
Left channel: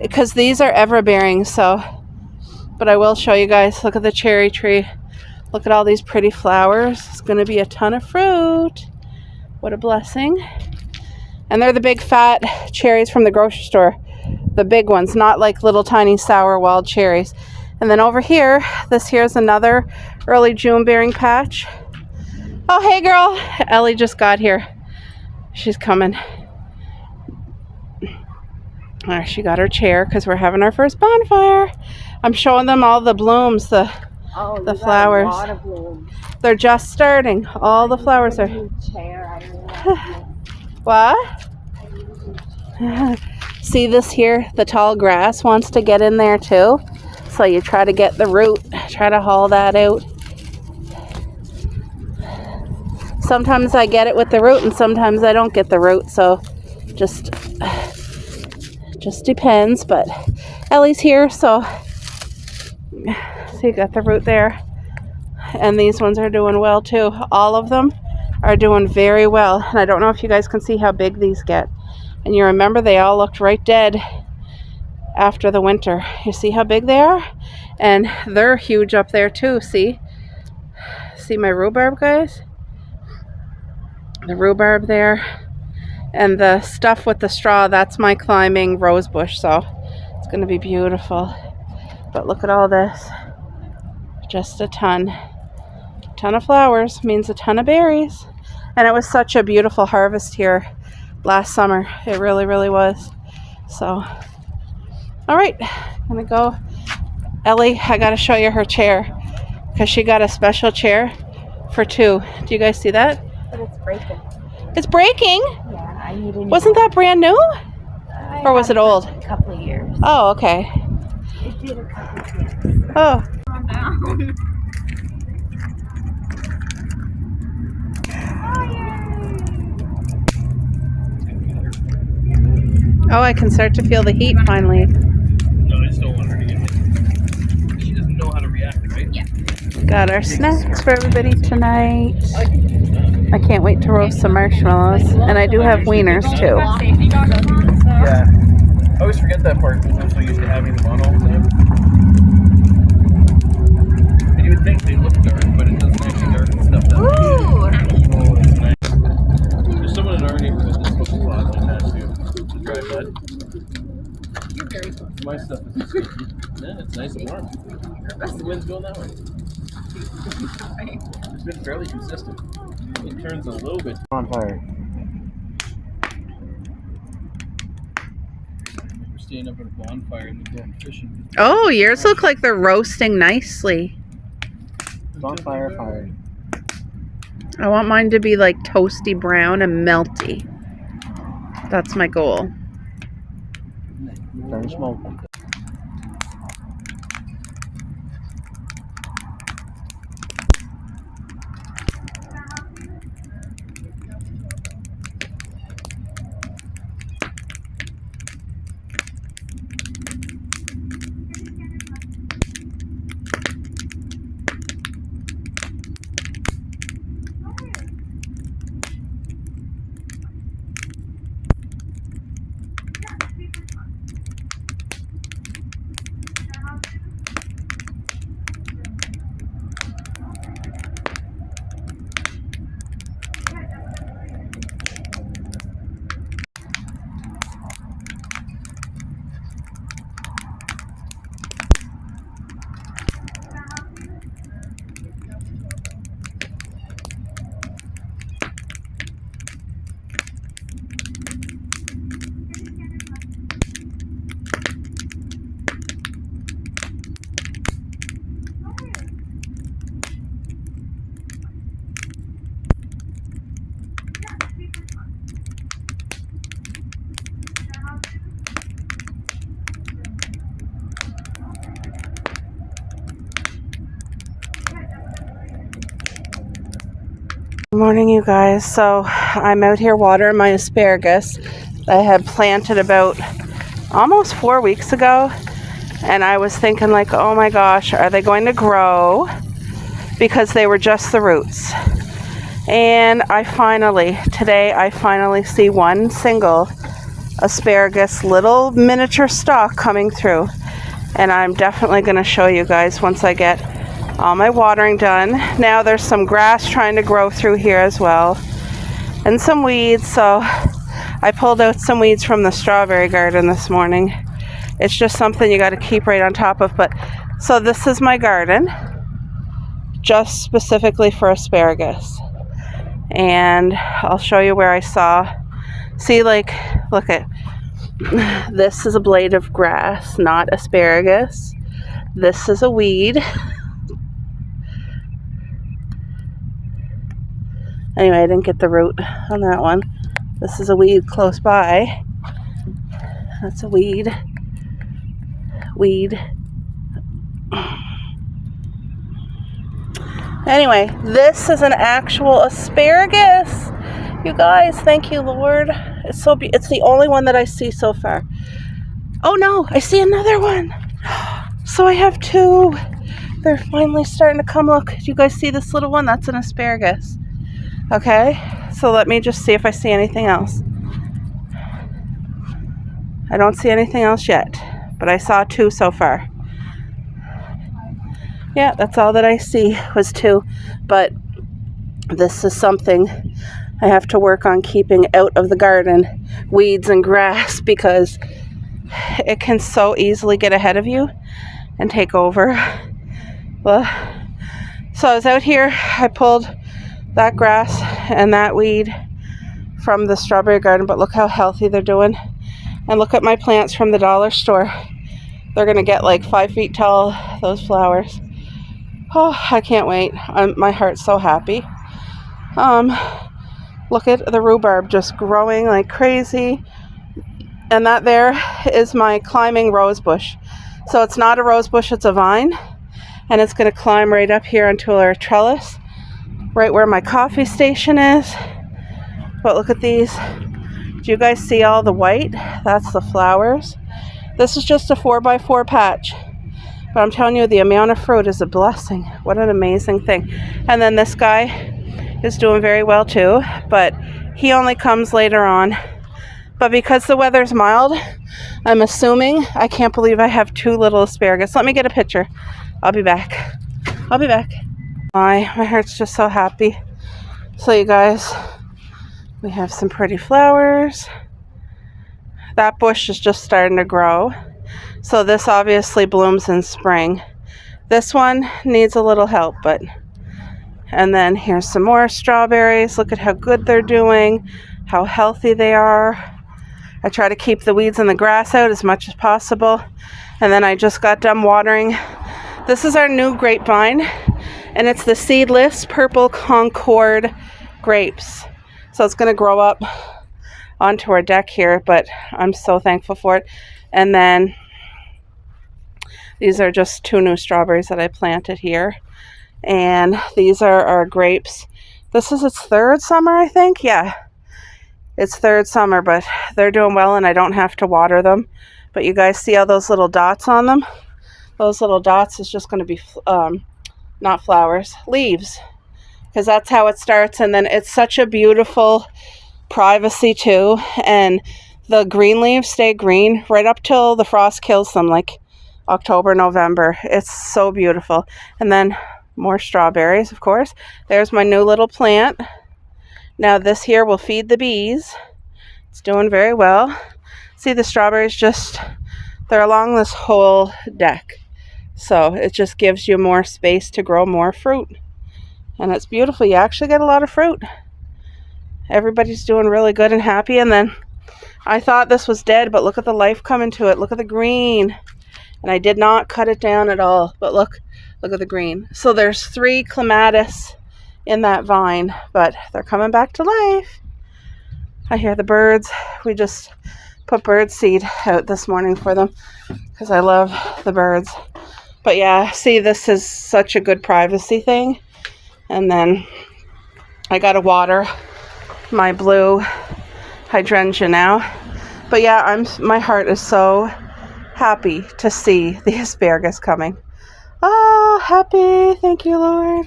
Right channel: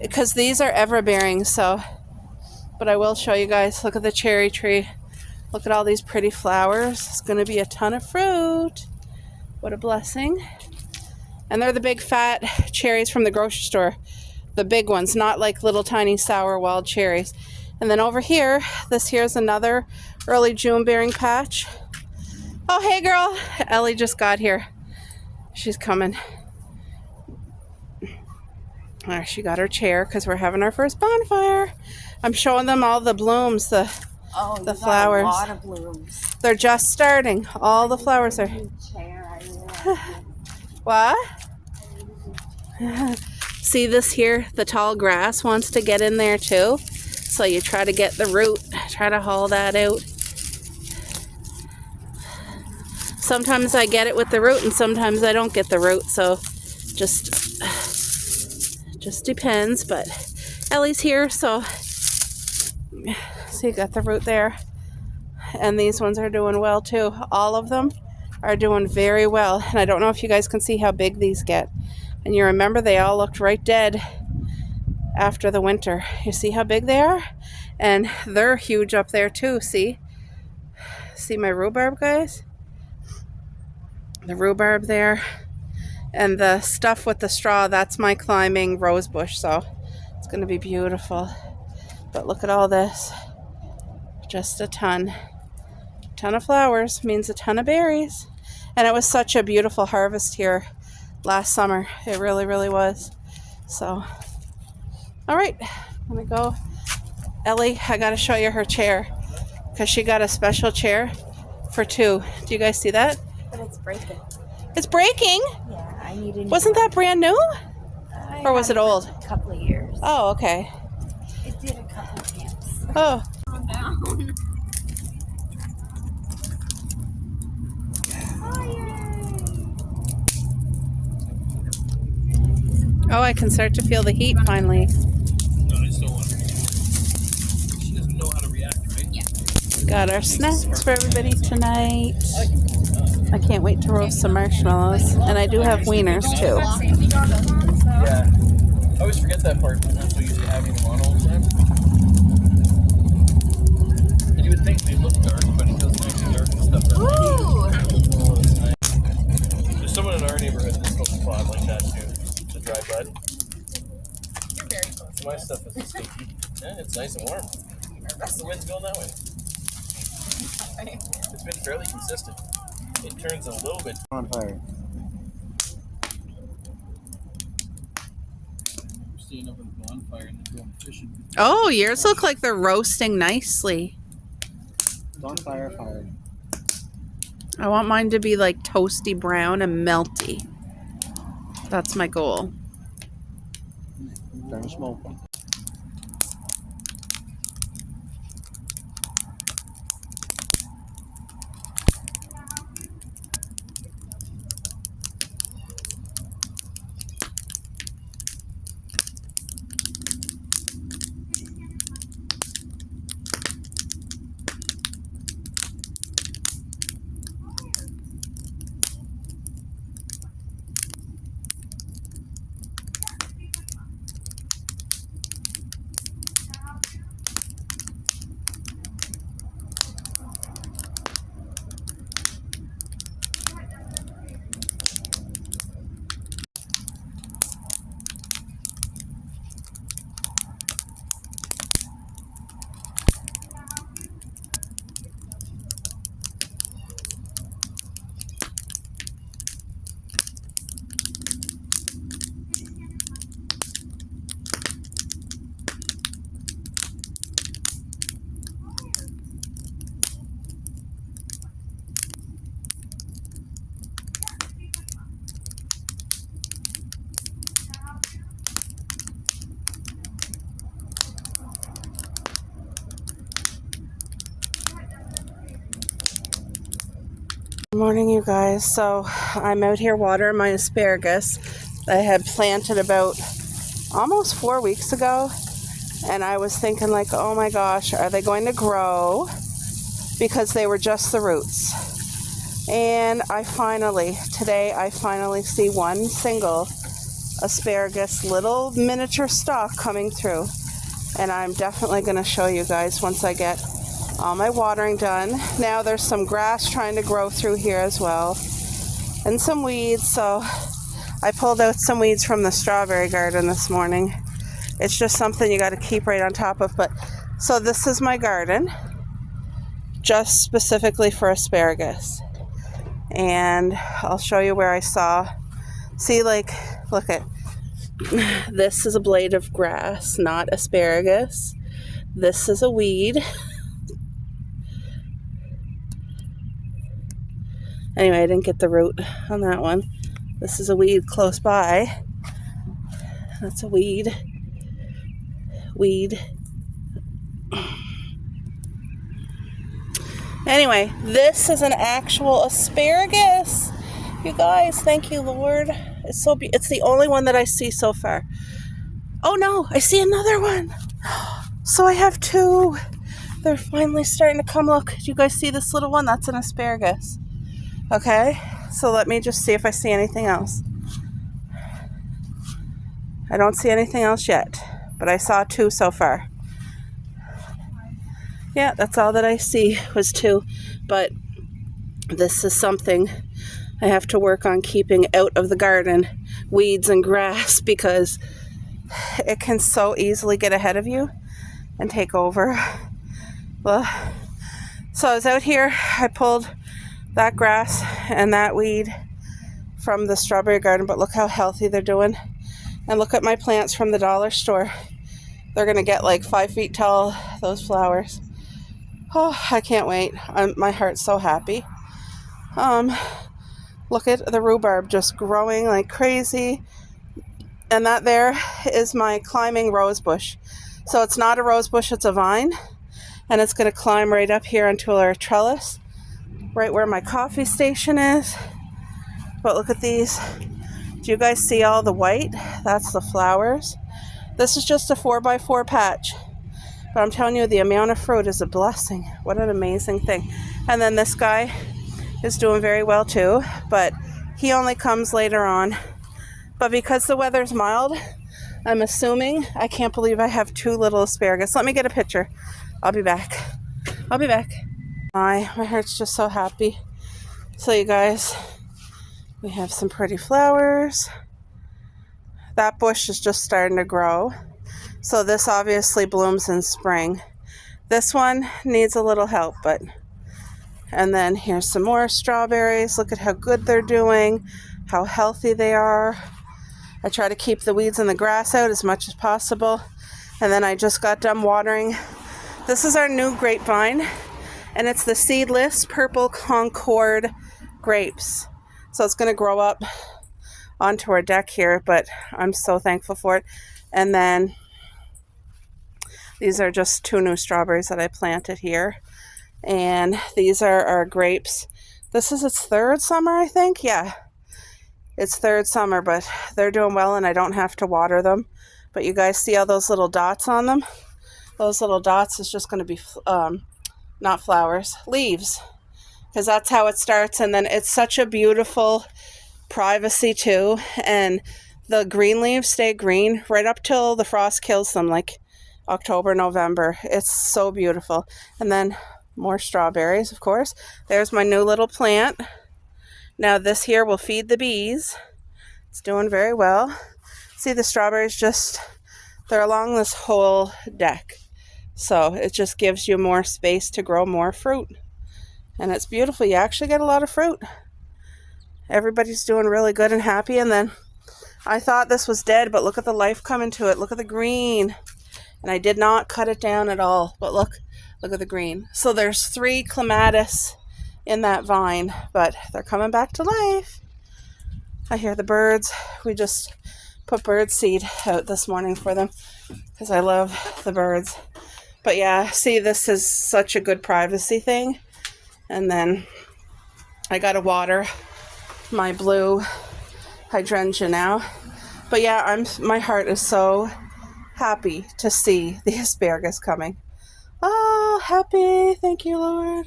because these are ever bearing. So, but I will show you guys. Look at the cherry tree. Look at all these pretty flowers. It's going to be a ton of fruit. What a blessing. And they're the big fat cherries from the grocery store, the big ones, not like little tiny sour wild cherries. And then over here, this here's another early June bearing patch. Oh, hey girl, Ellie just got here. She's coming. She got her chair because we're having our first bonfire. I'm showing them all the blooms, the flowers. Got a lot of blooms. They're just starting. All the flowers are. What? See this here? The tall grass wants to get in there too. So you try to get the root, try to haul that out. Sometimes I get it with the root and sometimes I don't get the root. So just depends. But Ellie's here, so you got the root there. And these ones are doing well too. All of them are doing very well. And I don't know if you guys can see how big these get. And you remember they all looked right dead after the winter. You see how big they are? And they're huge up there too, see? See my rhubarb, guys? The rhubarb there. And the stuff with the straw, that's my climbing rose bush, so it's gonna be beautiful. But look at all this. Just a ton of flowers means a ton of berries. And it was such a beautiful harvest here last summer. It really, really was. So, all right, I'm gonna go. Ellie, I gotta show you her chair because she got a special chair for 2. Do you guys see that? But it's breaking. It's breaking? Yeah, I need a new Wasn't that brand new? Or was it old? A couple of years. Oh, okay. It did a couple of years. Oh. Oh, I can start to feel the heat finally. No, I just don't want her to get hit. She doesn't know how to react, right? Yeah. Got our snacks for everybody tonight. I can't wait to roast some marshmallows. And I do have wieners too. Yeah. I always forget that part when we used to have anything on or whatever. And you would think they look dark, but it doesn't actually darken stuff down. Oh, that's nice. There's someone in our neighborhood that's cooks a pot like that too. The dry bud. You're very close. My stuff is sticky. Yeah, it's nice and warm. The wind's going that way. It's been fairly consistent. It turns a little bit on fire. We're staying up at a bonfire and then going fishing. Oh, yours look like they're roasting nicely. Bonfire fire. I want mine to be like toasty brown and melty. That's my goal. Burn smoke. Good morning, you guys. So I'm out here watering my asparagus that I had planted about almost 4 weeks ago. And I was thinking like, oh my gosh, are they going to grow? Because they were just the roots. And today I finally see one single asparagus little miniature stalk coming through. And I'm definitely going to show you guys once I get all my watering done. Now there's some grass trying to grow through here as well. And some weeds, so I pulled out some weeds from the strawberry garden this morning. It's just something you got to keep right on top of. But so this is my garden, just specifically for asparagus. And I'll show you where I saw. See, like, look at this is a blade of grass, not asparagus. This is a weed. Anyway, I didn't get the root on that one. This is a weed close by. That's a weed. Weed. Anyway, this is an actual asparagus. You guys, thank you, Lord. It's so it's the only one that I see so far. Oh no, I see another one. So I have 2. They're finally starting to come. Look, do you guys see this little one? That's an asparagus. Okay, so let me just see if I see anything else. I don't see anything else yet, but I saw 2 so far. Yeah, that's all that I see was 2. But this is something I have to work on keeping out of the garden, weeds and grass, because it can so easily get ahead of you and take over. Well, so I was out here, I pulled that grass and that weed from the strawberry garden, but look how healthy they're doing. And look at my plants from the dollar store. They're gonna get like 5 feet tall, those flowers. Oh, I can't wait. My heart's so happy. Look at the rhubarb just growing like crazy. And that there is my climbing rose bush. So it's not a rose bush, it's a vine. And it's gonna climb right up here onto our trellis, right where my coffee station is. But look at these. Do you guys see all the white? That's the flowers. This is just a 4x4 patch. But I'm telling you, the amount of fruit is a blessing. What an amazing thing. And then this guy is doing very well too, but he only comes later on. But because the weather's mild, I'm assuming, I can't believe I have 2 little asparagus. Let me get a picture. I'll be back. My heart's just so happy. So you guys, we have some pretty flowers. That bush is just starting to grow. So this obviously blooms in spring. This one needs a little help, but... And then here's some more strawberries. Look at how good they're doing, how healthy they are. I try to keep the weeds and the grass out as much as possible. And then I just got done watering. This is our new grapevine, and it's the seedless purple Concord grapes. So it's gonna grow up onto our deck here, but I'm so thankful for it. And then these are just 2 new strawberries that I planted here. And these are our grapes. This is its 3rd summer, I think. Yeah, it's 3rd summer, but they're doing well and I don't have to water them. But you guys see all those little dots on them? Those little dots is just going to be, not flowers, leaves. Because that's how it starts. And then it's such a beautiful privacy too. And the green leaves stay green right up till the frost kills them, like October, November. It's so beautiful. And then more strawberries, of course. There's my new little plant. Now this here will feed the bees. It's doing very well. See, the strawberries just, they're along this whole deck. So it just gives you more space to grow more fruit. And it's beautiful. You actually get a lot of fruit. Everybody's doing really good and happy. And then I thought this was dead, but look at the life coming to it. Look at the green. And I did not cut it down at all, but look at the green. So there's 3 clematis in that vine, but they're coming back to life. I hear the birds. We just put bird seed out this morning for them because I love the birds. But yeah, see, this is such a good privacy thing. And then I gotta water my blue hydrangea now. But yeah, my heart is so happy to see the asparagus coming. Oh, happy. Thank you, Lord.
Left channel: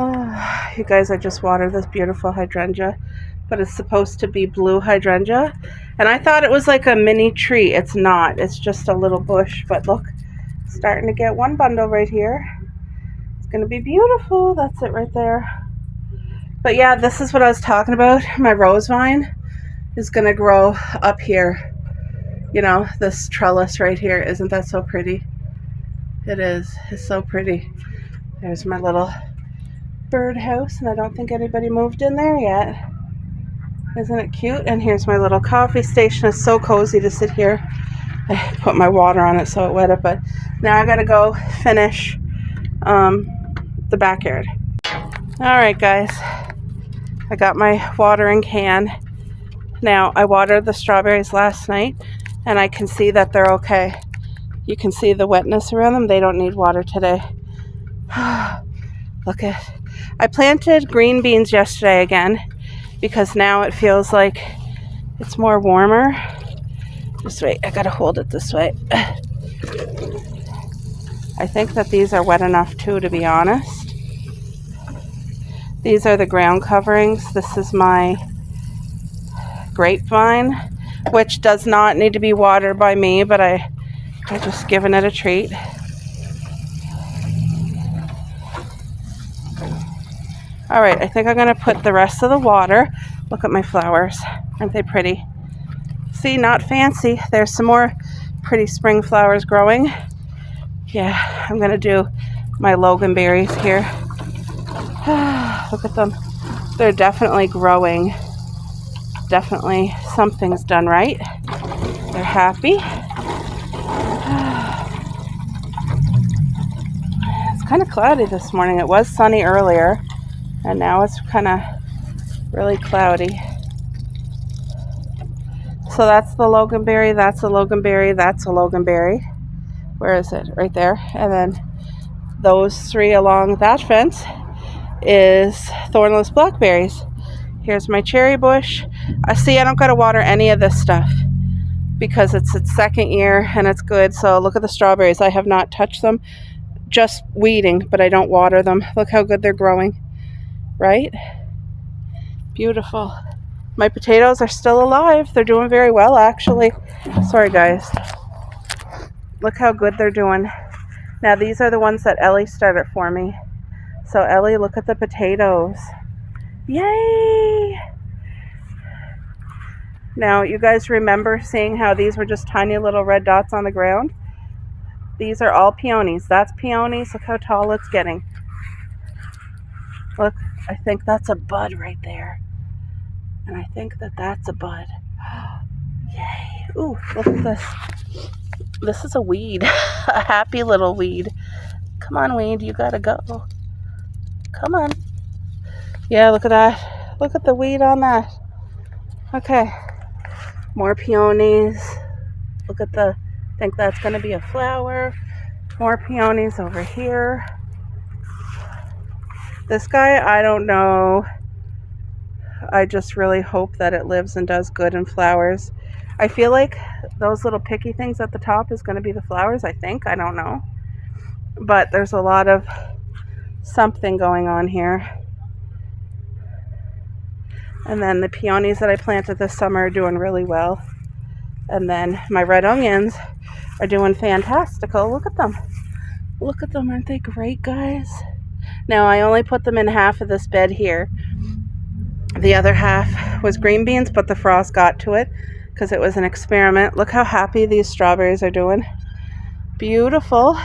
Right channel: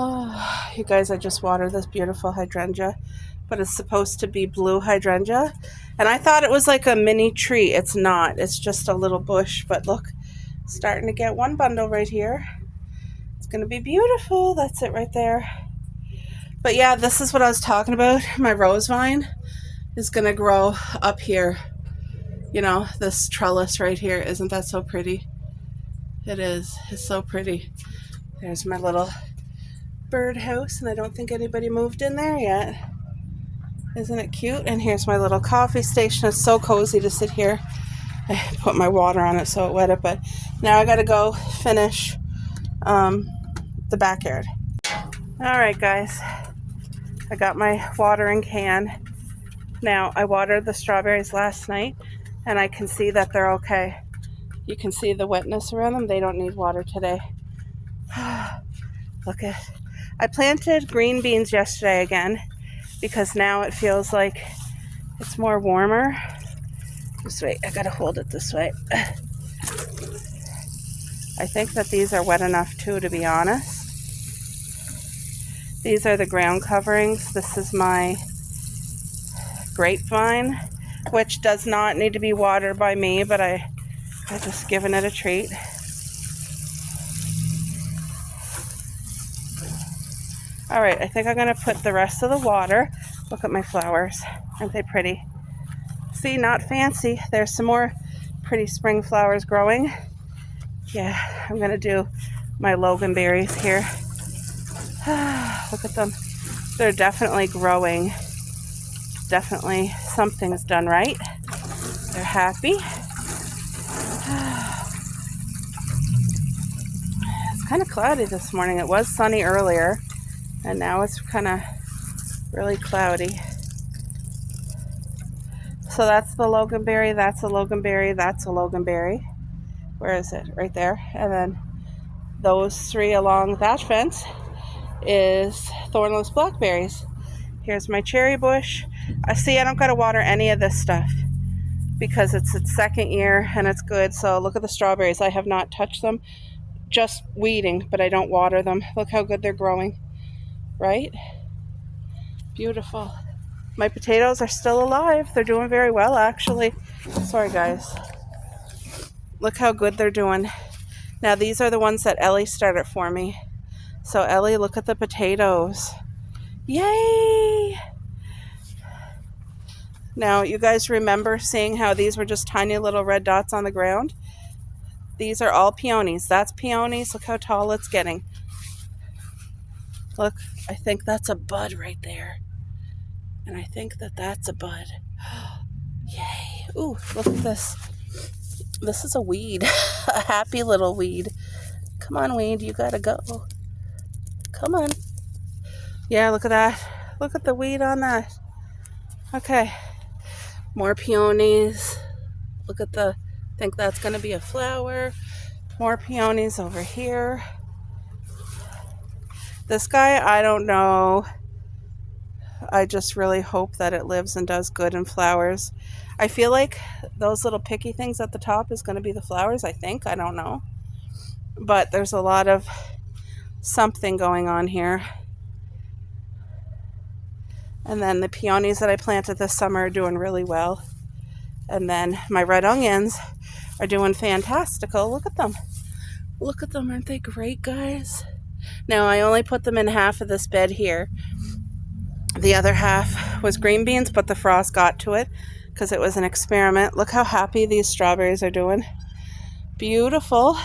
Oh, you guys, I just watered this beautiful hydrangea, but it's supposed to be blue hydrangea. And I thought it was like a mini tree. It's not. It's just a little bush. But look, starting to get one bundle right here. It's going to be beautiful. That's it right there. But yeah, this is what I was talking about. My rose vine is going to grow up here. You know, this trellis right here. Isn't that so pretty? It is. It's so pretty. There's my little birdhouse, and I don't think anybody moved in there yet. Isn't it cute? And here's my little coffee station. It's so cozy to sit here. I put my water on it so it wet it, but now I gotta go finish the backyard. All right, guys. I got my watering can. Now, I watered the strawberries last night, and I can see that they're okay. You can see the wetness around them. They don't need water today. Look at, I planted green beans yesterday again because now it feels like it's more warmer. Just wait, I gotta hold it this way. I think that these are wet enough too, to be honest. These are the ground coverings. This is my grapevine, which does not need to be watered by me, but I just given it a treat. All right, I think I'm gonna put the rest of the water. Look at my flowers. Aren't they pretty? See, not fancy. There's some more pretty spring flowers growing. Yeah, I'm gonna do my loganberries here. Look at them. They're definitely growing. Definitely something's done right. They're happy. It's kind of cloudy this morning. It was sunny earlier, and now it's kind of really cloudy. So that's the loganberry, that's a loganberry, that's a loganberry. Where is it? Right there. And then those three along that fence is thornless blackberries. Here's my cherry bush. I see I don't got to water any of this stuff because it's its second year and it's good. So look at the strawberries. I have not touched them, just weeding, but I don't water them. Look how good they're growing, right? Beautiful. My potatoes are still alive. They're doing very well, actually. Sorry, guys. Look how good they're doing. Now, these are the ones that Ellie started for me. So, Ellie, look at the potatoes. Yay! Now, you guys remember seeing how these were just tiny little red dots on the ground? These are all peonies. That's peonies. Look how tall it's getting. Look, I think that's a bud right there. And I think that that's a bud. Yay. Ooh, look at this. This is a weed. A happy little weed. Come on, weed. You gotta go. Come on. Yeah, look at that. Look at the weed on that. Okay. More peonies. Look at the, I think that's gonna be a flower. More peonies over here. This guy, I don't know. I just really hope that it lives and does good and flowers. I feel like those little picky things at the top is going to be the flowers, I think. I don't know. But there's a lot of something going on here. And then the peonies that I planted this summer are doing really well. And then my red onions are doing fantastical. Look at them. Look at them. Aren't they great, guys? Now, I only put them in half of this bed here. The other half was green beans, but the frost got to it because it was an experiment. Look how happy these strawberries are doing. Beautiful.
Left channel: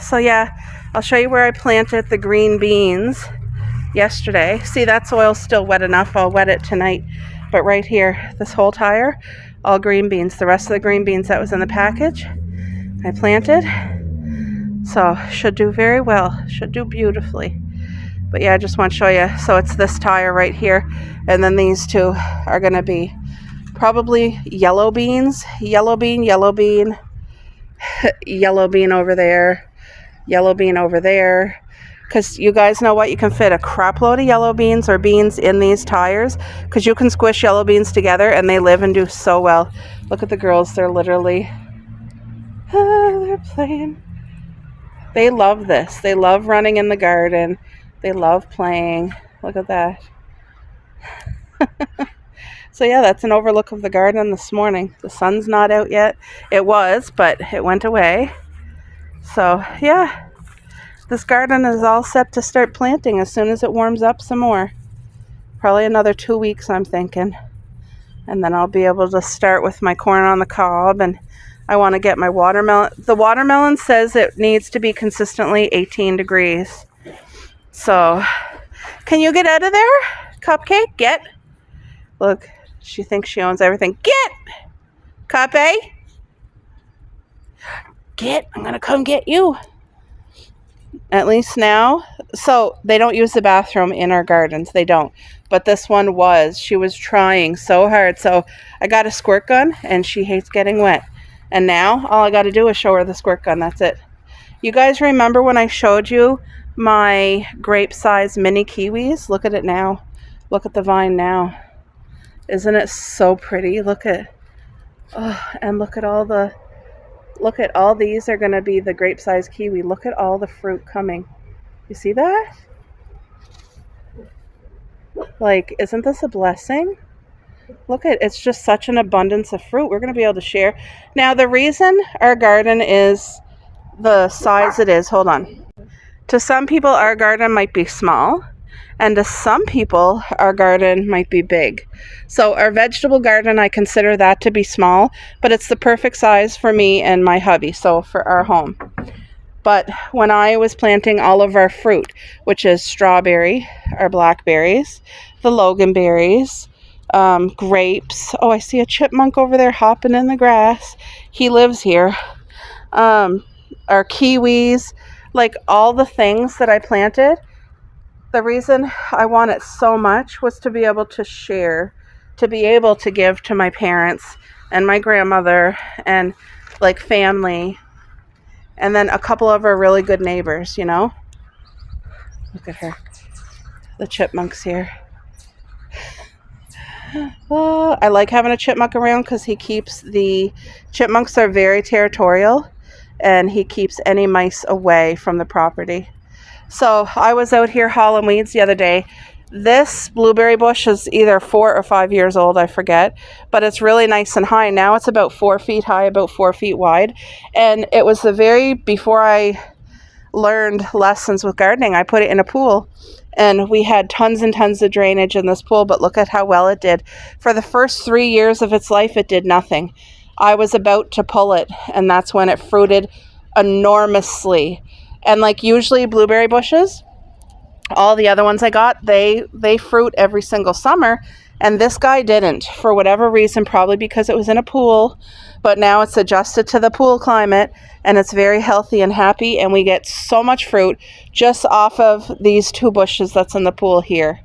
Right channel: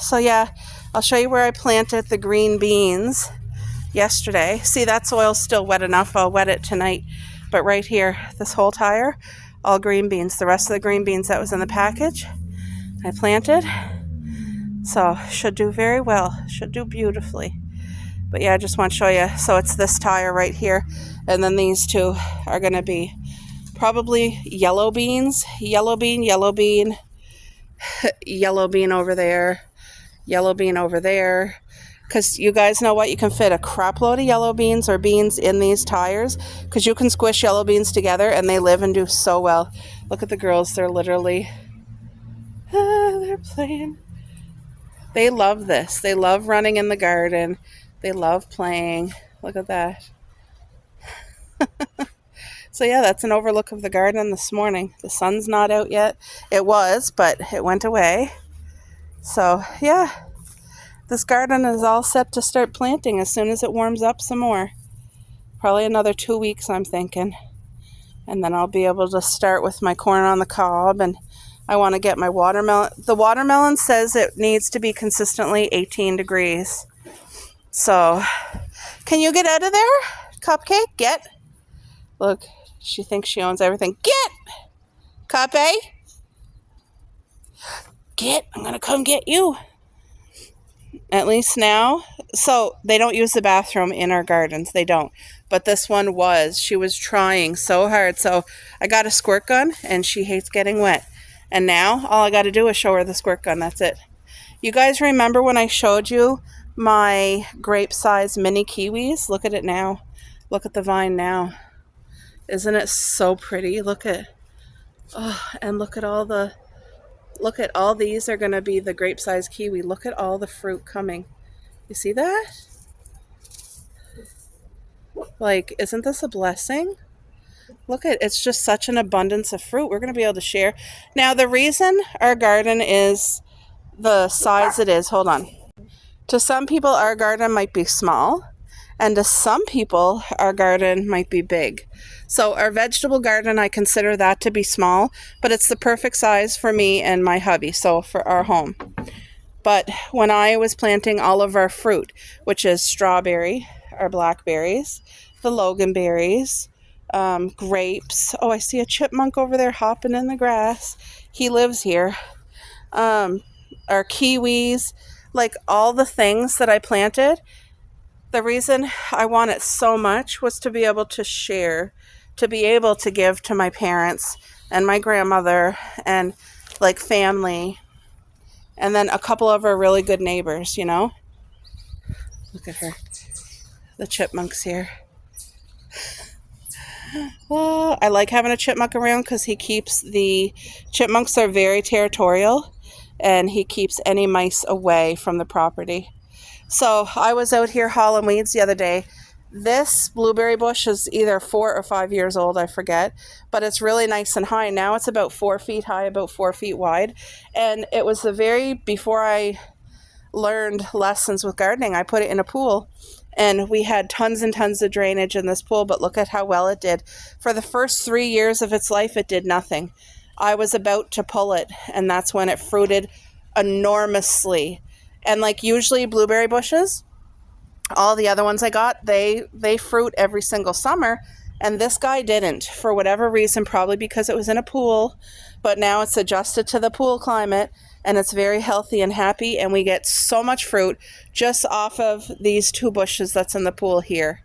So yeah, I'll show you where I planted the green beans yesterday. See, that soil's still wet enough. I'll wet it tonight. But right here, this whole tire, all green beans. The rest of the green beans that was in the package, I planted. So should do very well. Should do beautifully. But yeah, I just want to show you. So it's this tire right here. And then these two are going to be probably yellow beans. Yellow bean, yellow bean. Yellow bean over there. Yellow bean over there. Because you guys know what? You can fit a crap load of yellow beans or beans in these tires. Because you can squish yellow beans together and they live and do so well. Look at the girls. They're literally... they're playing. They love this. They love running in the garden. They love playing. Look at that. So yeah, that's an overlook of the garden this morning. The sun's not out yet. It was, but it went away. So yeah, this garden is all set to start planting as soon as it warms up some more. Probably another 2 weeks, I'm thinking. And then I'll be able to start with my corn on the cob, and I want to get my watermelon. The watermelon says it needs to be consistently 18 degrees. So, can you get out of there? Cupcake, get. Look, she thinks she owns everything. Get! Cupcake. Get, I'm going to come get you. At least now. So, they don't use the bathroom in our gardens. They don't. But this one was. She was trying so hard. So, I got a squirt gun, and she hates getting wet. And now, all I got to do is show her the squirt gun. That's it. You guys remember when I showed you my grape-sized mini kiwis? Look at it now. Look at the vine now. Isn't it so pretty? Look at, oh, and look at all the, look at all these are going to be the grape-sized kiwi. Look at all the fruit coming. You see that? Like, isn't this a blessing? Look at, it's just such an abundance of fruit. We're going to be able to share. Now, the reason our garden is the size it is, hold on. To some people, our garden might be small, and to some people, our garden might be big. So our vegetable garden, I consider that to be small, but it's the perfect size for me and my hubby, so for our home. But when I was planting all of our fruit, which is strawberry, our blackberries, the loganberries, grapes. Oh, I see a chipmunk over there hopping in the grass. He lives here. Our kiwis, like all the things that I planted. The reason I want it so much was to be able to share, to be able to give to my parents and my grandmother and like family, and then a couple of our really good neighbors, you know. Look at her, the chipmunks here. Oh, I like having a chipmunk around because chipmunks are very territorial, and he keeps any mice away from the property. So I was out here hauling weeds the other day. This blueberry bush is either 4 or 5 years old, I forget, but it's really nice and high. Now it's about 4 feet high, about 4 feet wide. And it was before I learned lessons with gardening, I put it in a pool, and we had tons and tons of drainage in this pool, but look at how well it did. For the first 3 years of its life, it did nothing. I was about to pull it, and that's when it fruited enormously. And like usually blueberry bushes, all the other ones I got, they fruit every single summer, and this guy didn't, for whatever reason, probably because it was in a pool, but now it's adjusted to the pool climate, and it's very healthy and happy, and we get so much fruit just off of these 2 bushes that's in the pool here.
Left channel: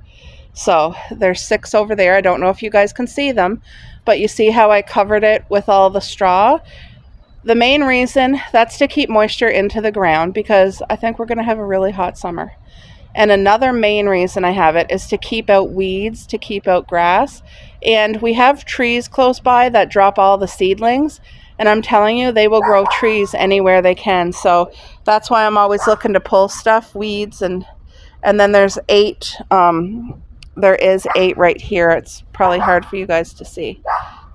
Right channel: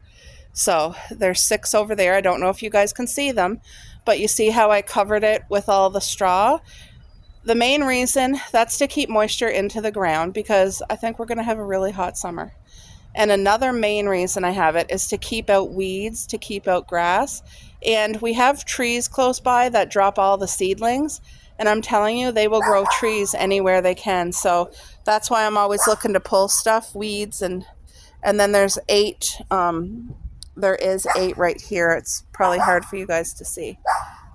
So there's 6 over there. I don't know if you guys can see them, but you see how I covered it with all the straw? The main reason, that's to keep moisture into the ground, because I think we're going to have a really hot summer. And another main reason I have it is to keep out weeds, to keep out grass. And we have trees close by that drop all the seedlings. And I'm telling you, they will grow trees anywhere they can. So that's why I'm always looking to pull stuff, weeds, and then there's 8. There is 8 right here. It's probably hard for you guys to see.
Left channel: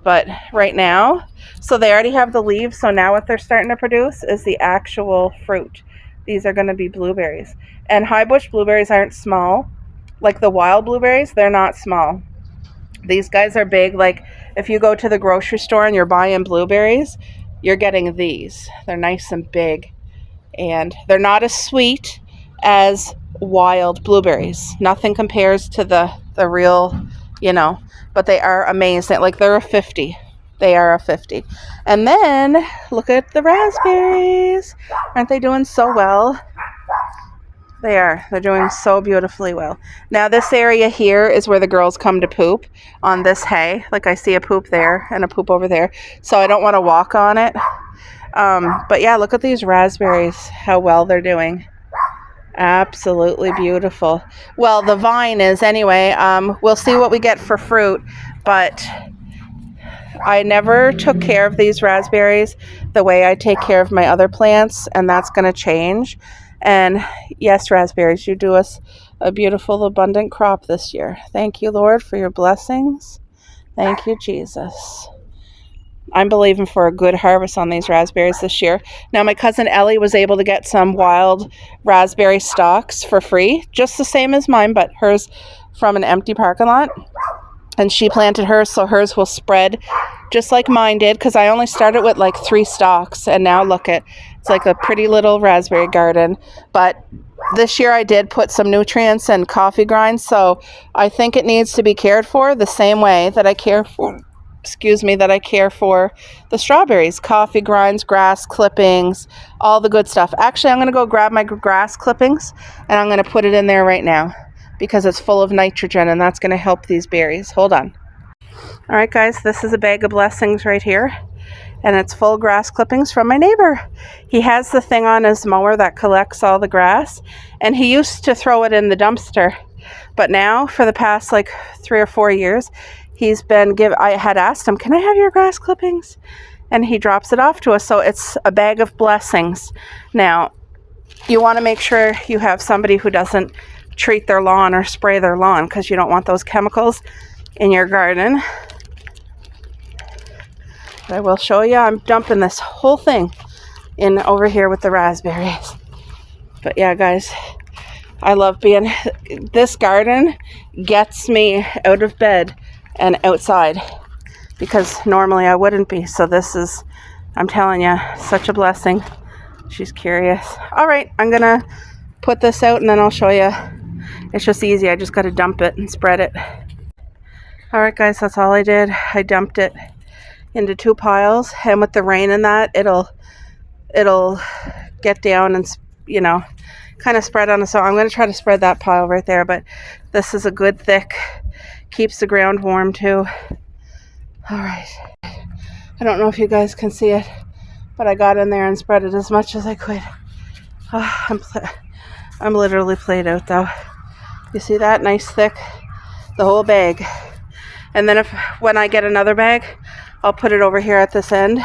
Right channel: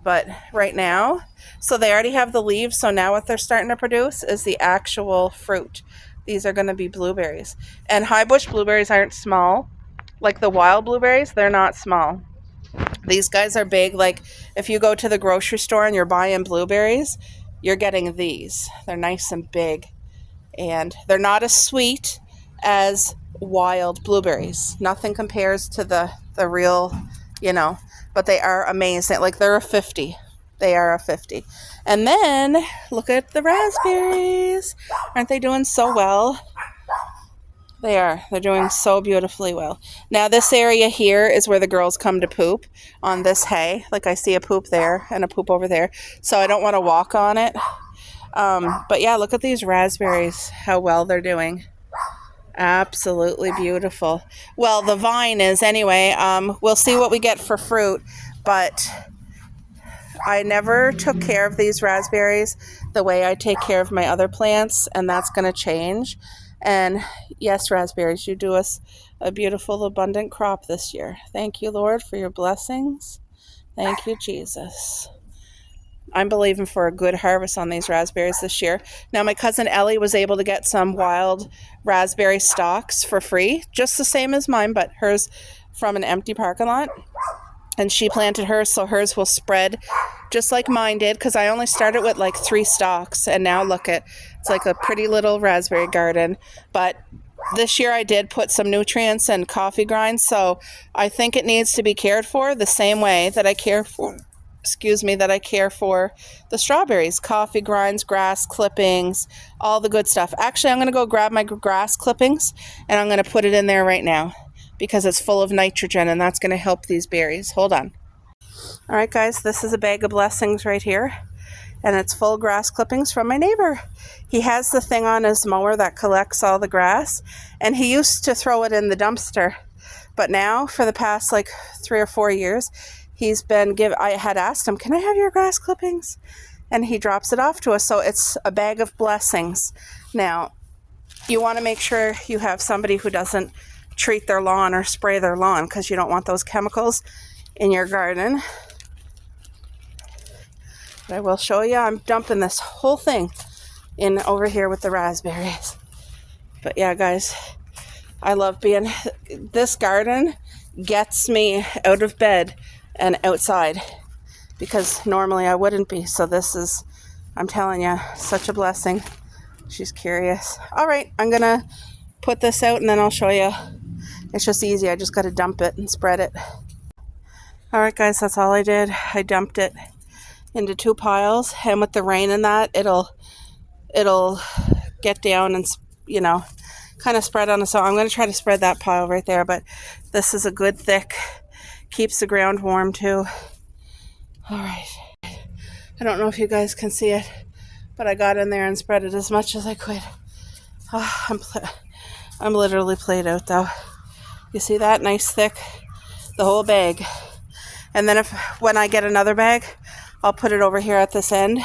But right now, so they already have the leaves. So now what they're starting to produce is the actual fruit. These are going to be blueberries. And high bush blueberries aren't small. Like the wild blueberries, they're not small. These guys are big. Like if you go to the grocery store and you're buying blueberries, you're getting these. They're nice and big. And they're not as sweet as wild blueberries. Nothing compares to the real, but they are amazing. Like they're a 50. They are a 50. And then look at the raspberries. Aren't they doing so well? They are. They're doing so beautifully well. Now this area here is where the girls come to poop on this hay. Like I see a poop there and a poop over there. So I don't want to walk on it. But yeah, look at these raspberries, how well they're doing. Absolutely beautiful. Well, the vine is anyway. We'll see what we get for fruit, but I never took care of these raspberries the way I take care of my other plants, and that's going to change. And yes, raspberries, you do us a beautiful, abundant crop this year. Thank you, Lord, for your blessings. Thank you, Jesus. I'm believing for a good harvest on these raspberries this year. Now, my cousin Ellie was able to get some wild raspberry stalks for free, just the same as mine, but hers from an empty parking lot. And she planted hers, so hers will spread just like mine did, because I only started with like 3 stalks, and now look at it's like a pretty little raspberry garden. But this year I did put some nutrients and coffee grinds, so I think it needs to be cared for the same way that I care for the strawberries. Coffee grinds, grass clippings, all the good stuff. Actually, I'm going to go grab my grass clippings, and I'm going to put it in there right now, because it's full of nitrogen, and that's going to help these berries. Hold on. All right, guys, this is a bag of blessings right here, and it's full of grass clippings from my neighbor. He has the thing on his mower that collects all the grass, and he used to throw it in the dumpster, but now for the past like 3 or 4 years, I had asked him, can I have your grass clippings? And he drops it off to us, so it's a bag of blessings. Now, you want to make sure you have somebody who doesn't treat their lawn or spray their lawn, because you don't want those chemicals in your garden. But I will show you. I'm dumping this whole thing in over here with the raspberries. But yeah, guys, I love being, this garden gets me out of bed and outside because normally I wouldn't be. So this is, I'm telling you, such a blessing. She's curious. All right, I'm gonna put this out and then I'll show you. It's just easy. I just got to dump it and spread it. All right, guys, that's all I did. I dumped it into 2 piles, and with the rain and that, it'll get down and, you know, kind of spread on. So I'm going to try to spread that pile right there, but this is a good thick, keeps the ground warm too. All right. I don't know if you guys can see it, but I got in there and spread it as much as I could. Oh, I'm literally played out though. You see that? Nice thick, the whole bag. And then when I get another bag, I'll put it over here at this end.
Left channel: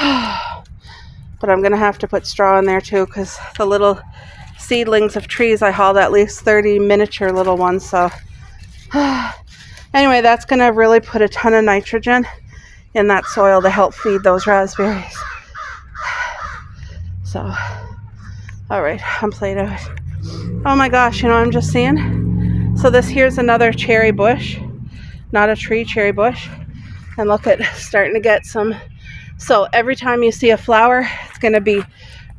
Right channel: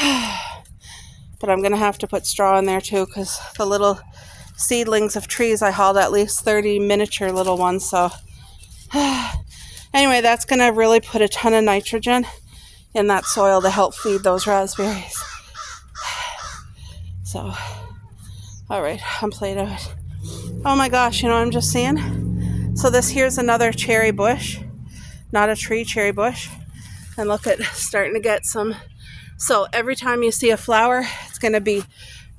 But I'm gonna have to put straw in there too, because the little seedlings of trees, I hauled at least 30 miniature little ones. So anyway, that's gonna really put a ton of nitrogen in that soil to help feed those raspberries. So, all right, I'm played out. Oh my gosh, you know what I'm just seeing? So this here's another cherry bush, not a tree, cherry bush. And look at, starting to get some. So every time you see a flower, it's gonna be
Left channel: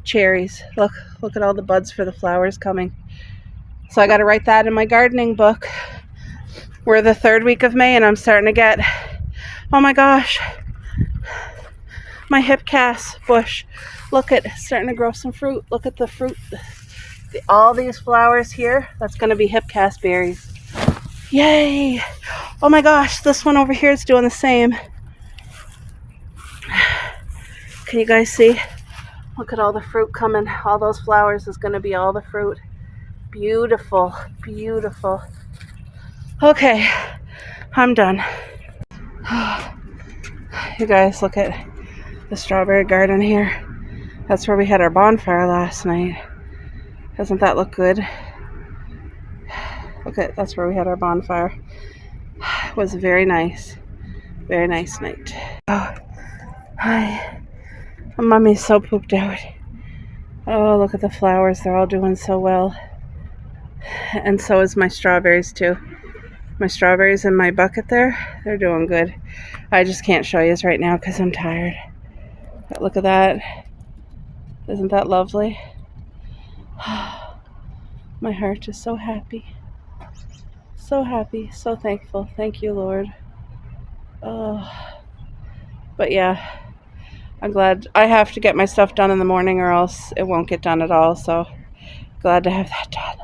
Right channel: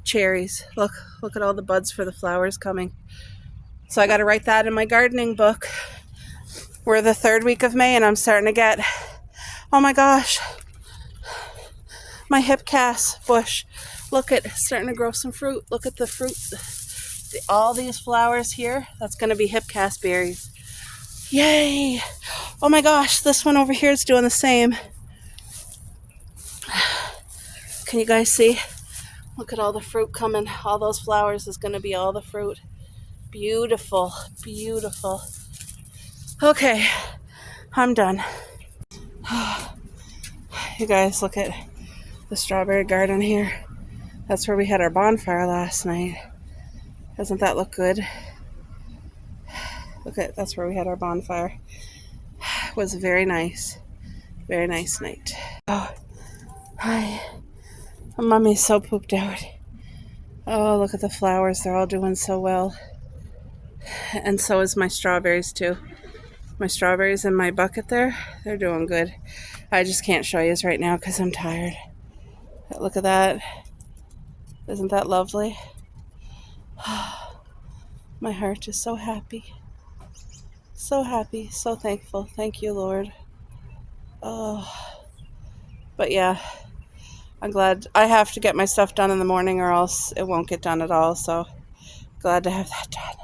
cherries. Look at all the buds for the flowers coming. So I gotta write that in my gardening book. We're the 3rd week of May and I'm starting to get, oh my gosh, my hipcas bush. Look at, starting to grow some fruit. Look at the fruit. All these flowers here, that's gonna be hipcas berries. Yay! Oh my gosh, this one over here is doing the same. Can you guys see? Look at all the fruit coming. All those flowers is gonna be all the fruit. Beautiful, beautiful. Okay, I'm done. You guys, look at the strawberry garden here. That's where we had our bonfire last night. Doesn't that look good? Okay, that's where we had our bonfire. It was very nice night. Oh, hi. Mommy's so pooped out. Oh, look at the flowers. They're all doing so well. And so is my strawberries too. My strawberries in my bucket there, they're doing good. I just can't show you right now because I'm tired. But look at that. Isn't that lovely? My heart is so happy. So happy, so thankful. Thank you, Lord. Oh, but yeah, I'm glad. I have to get my stuff done in the morning or else it won't get done at all. So glad to have that done.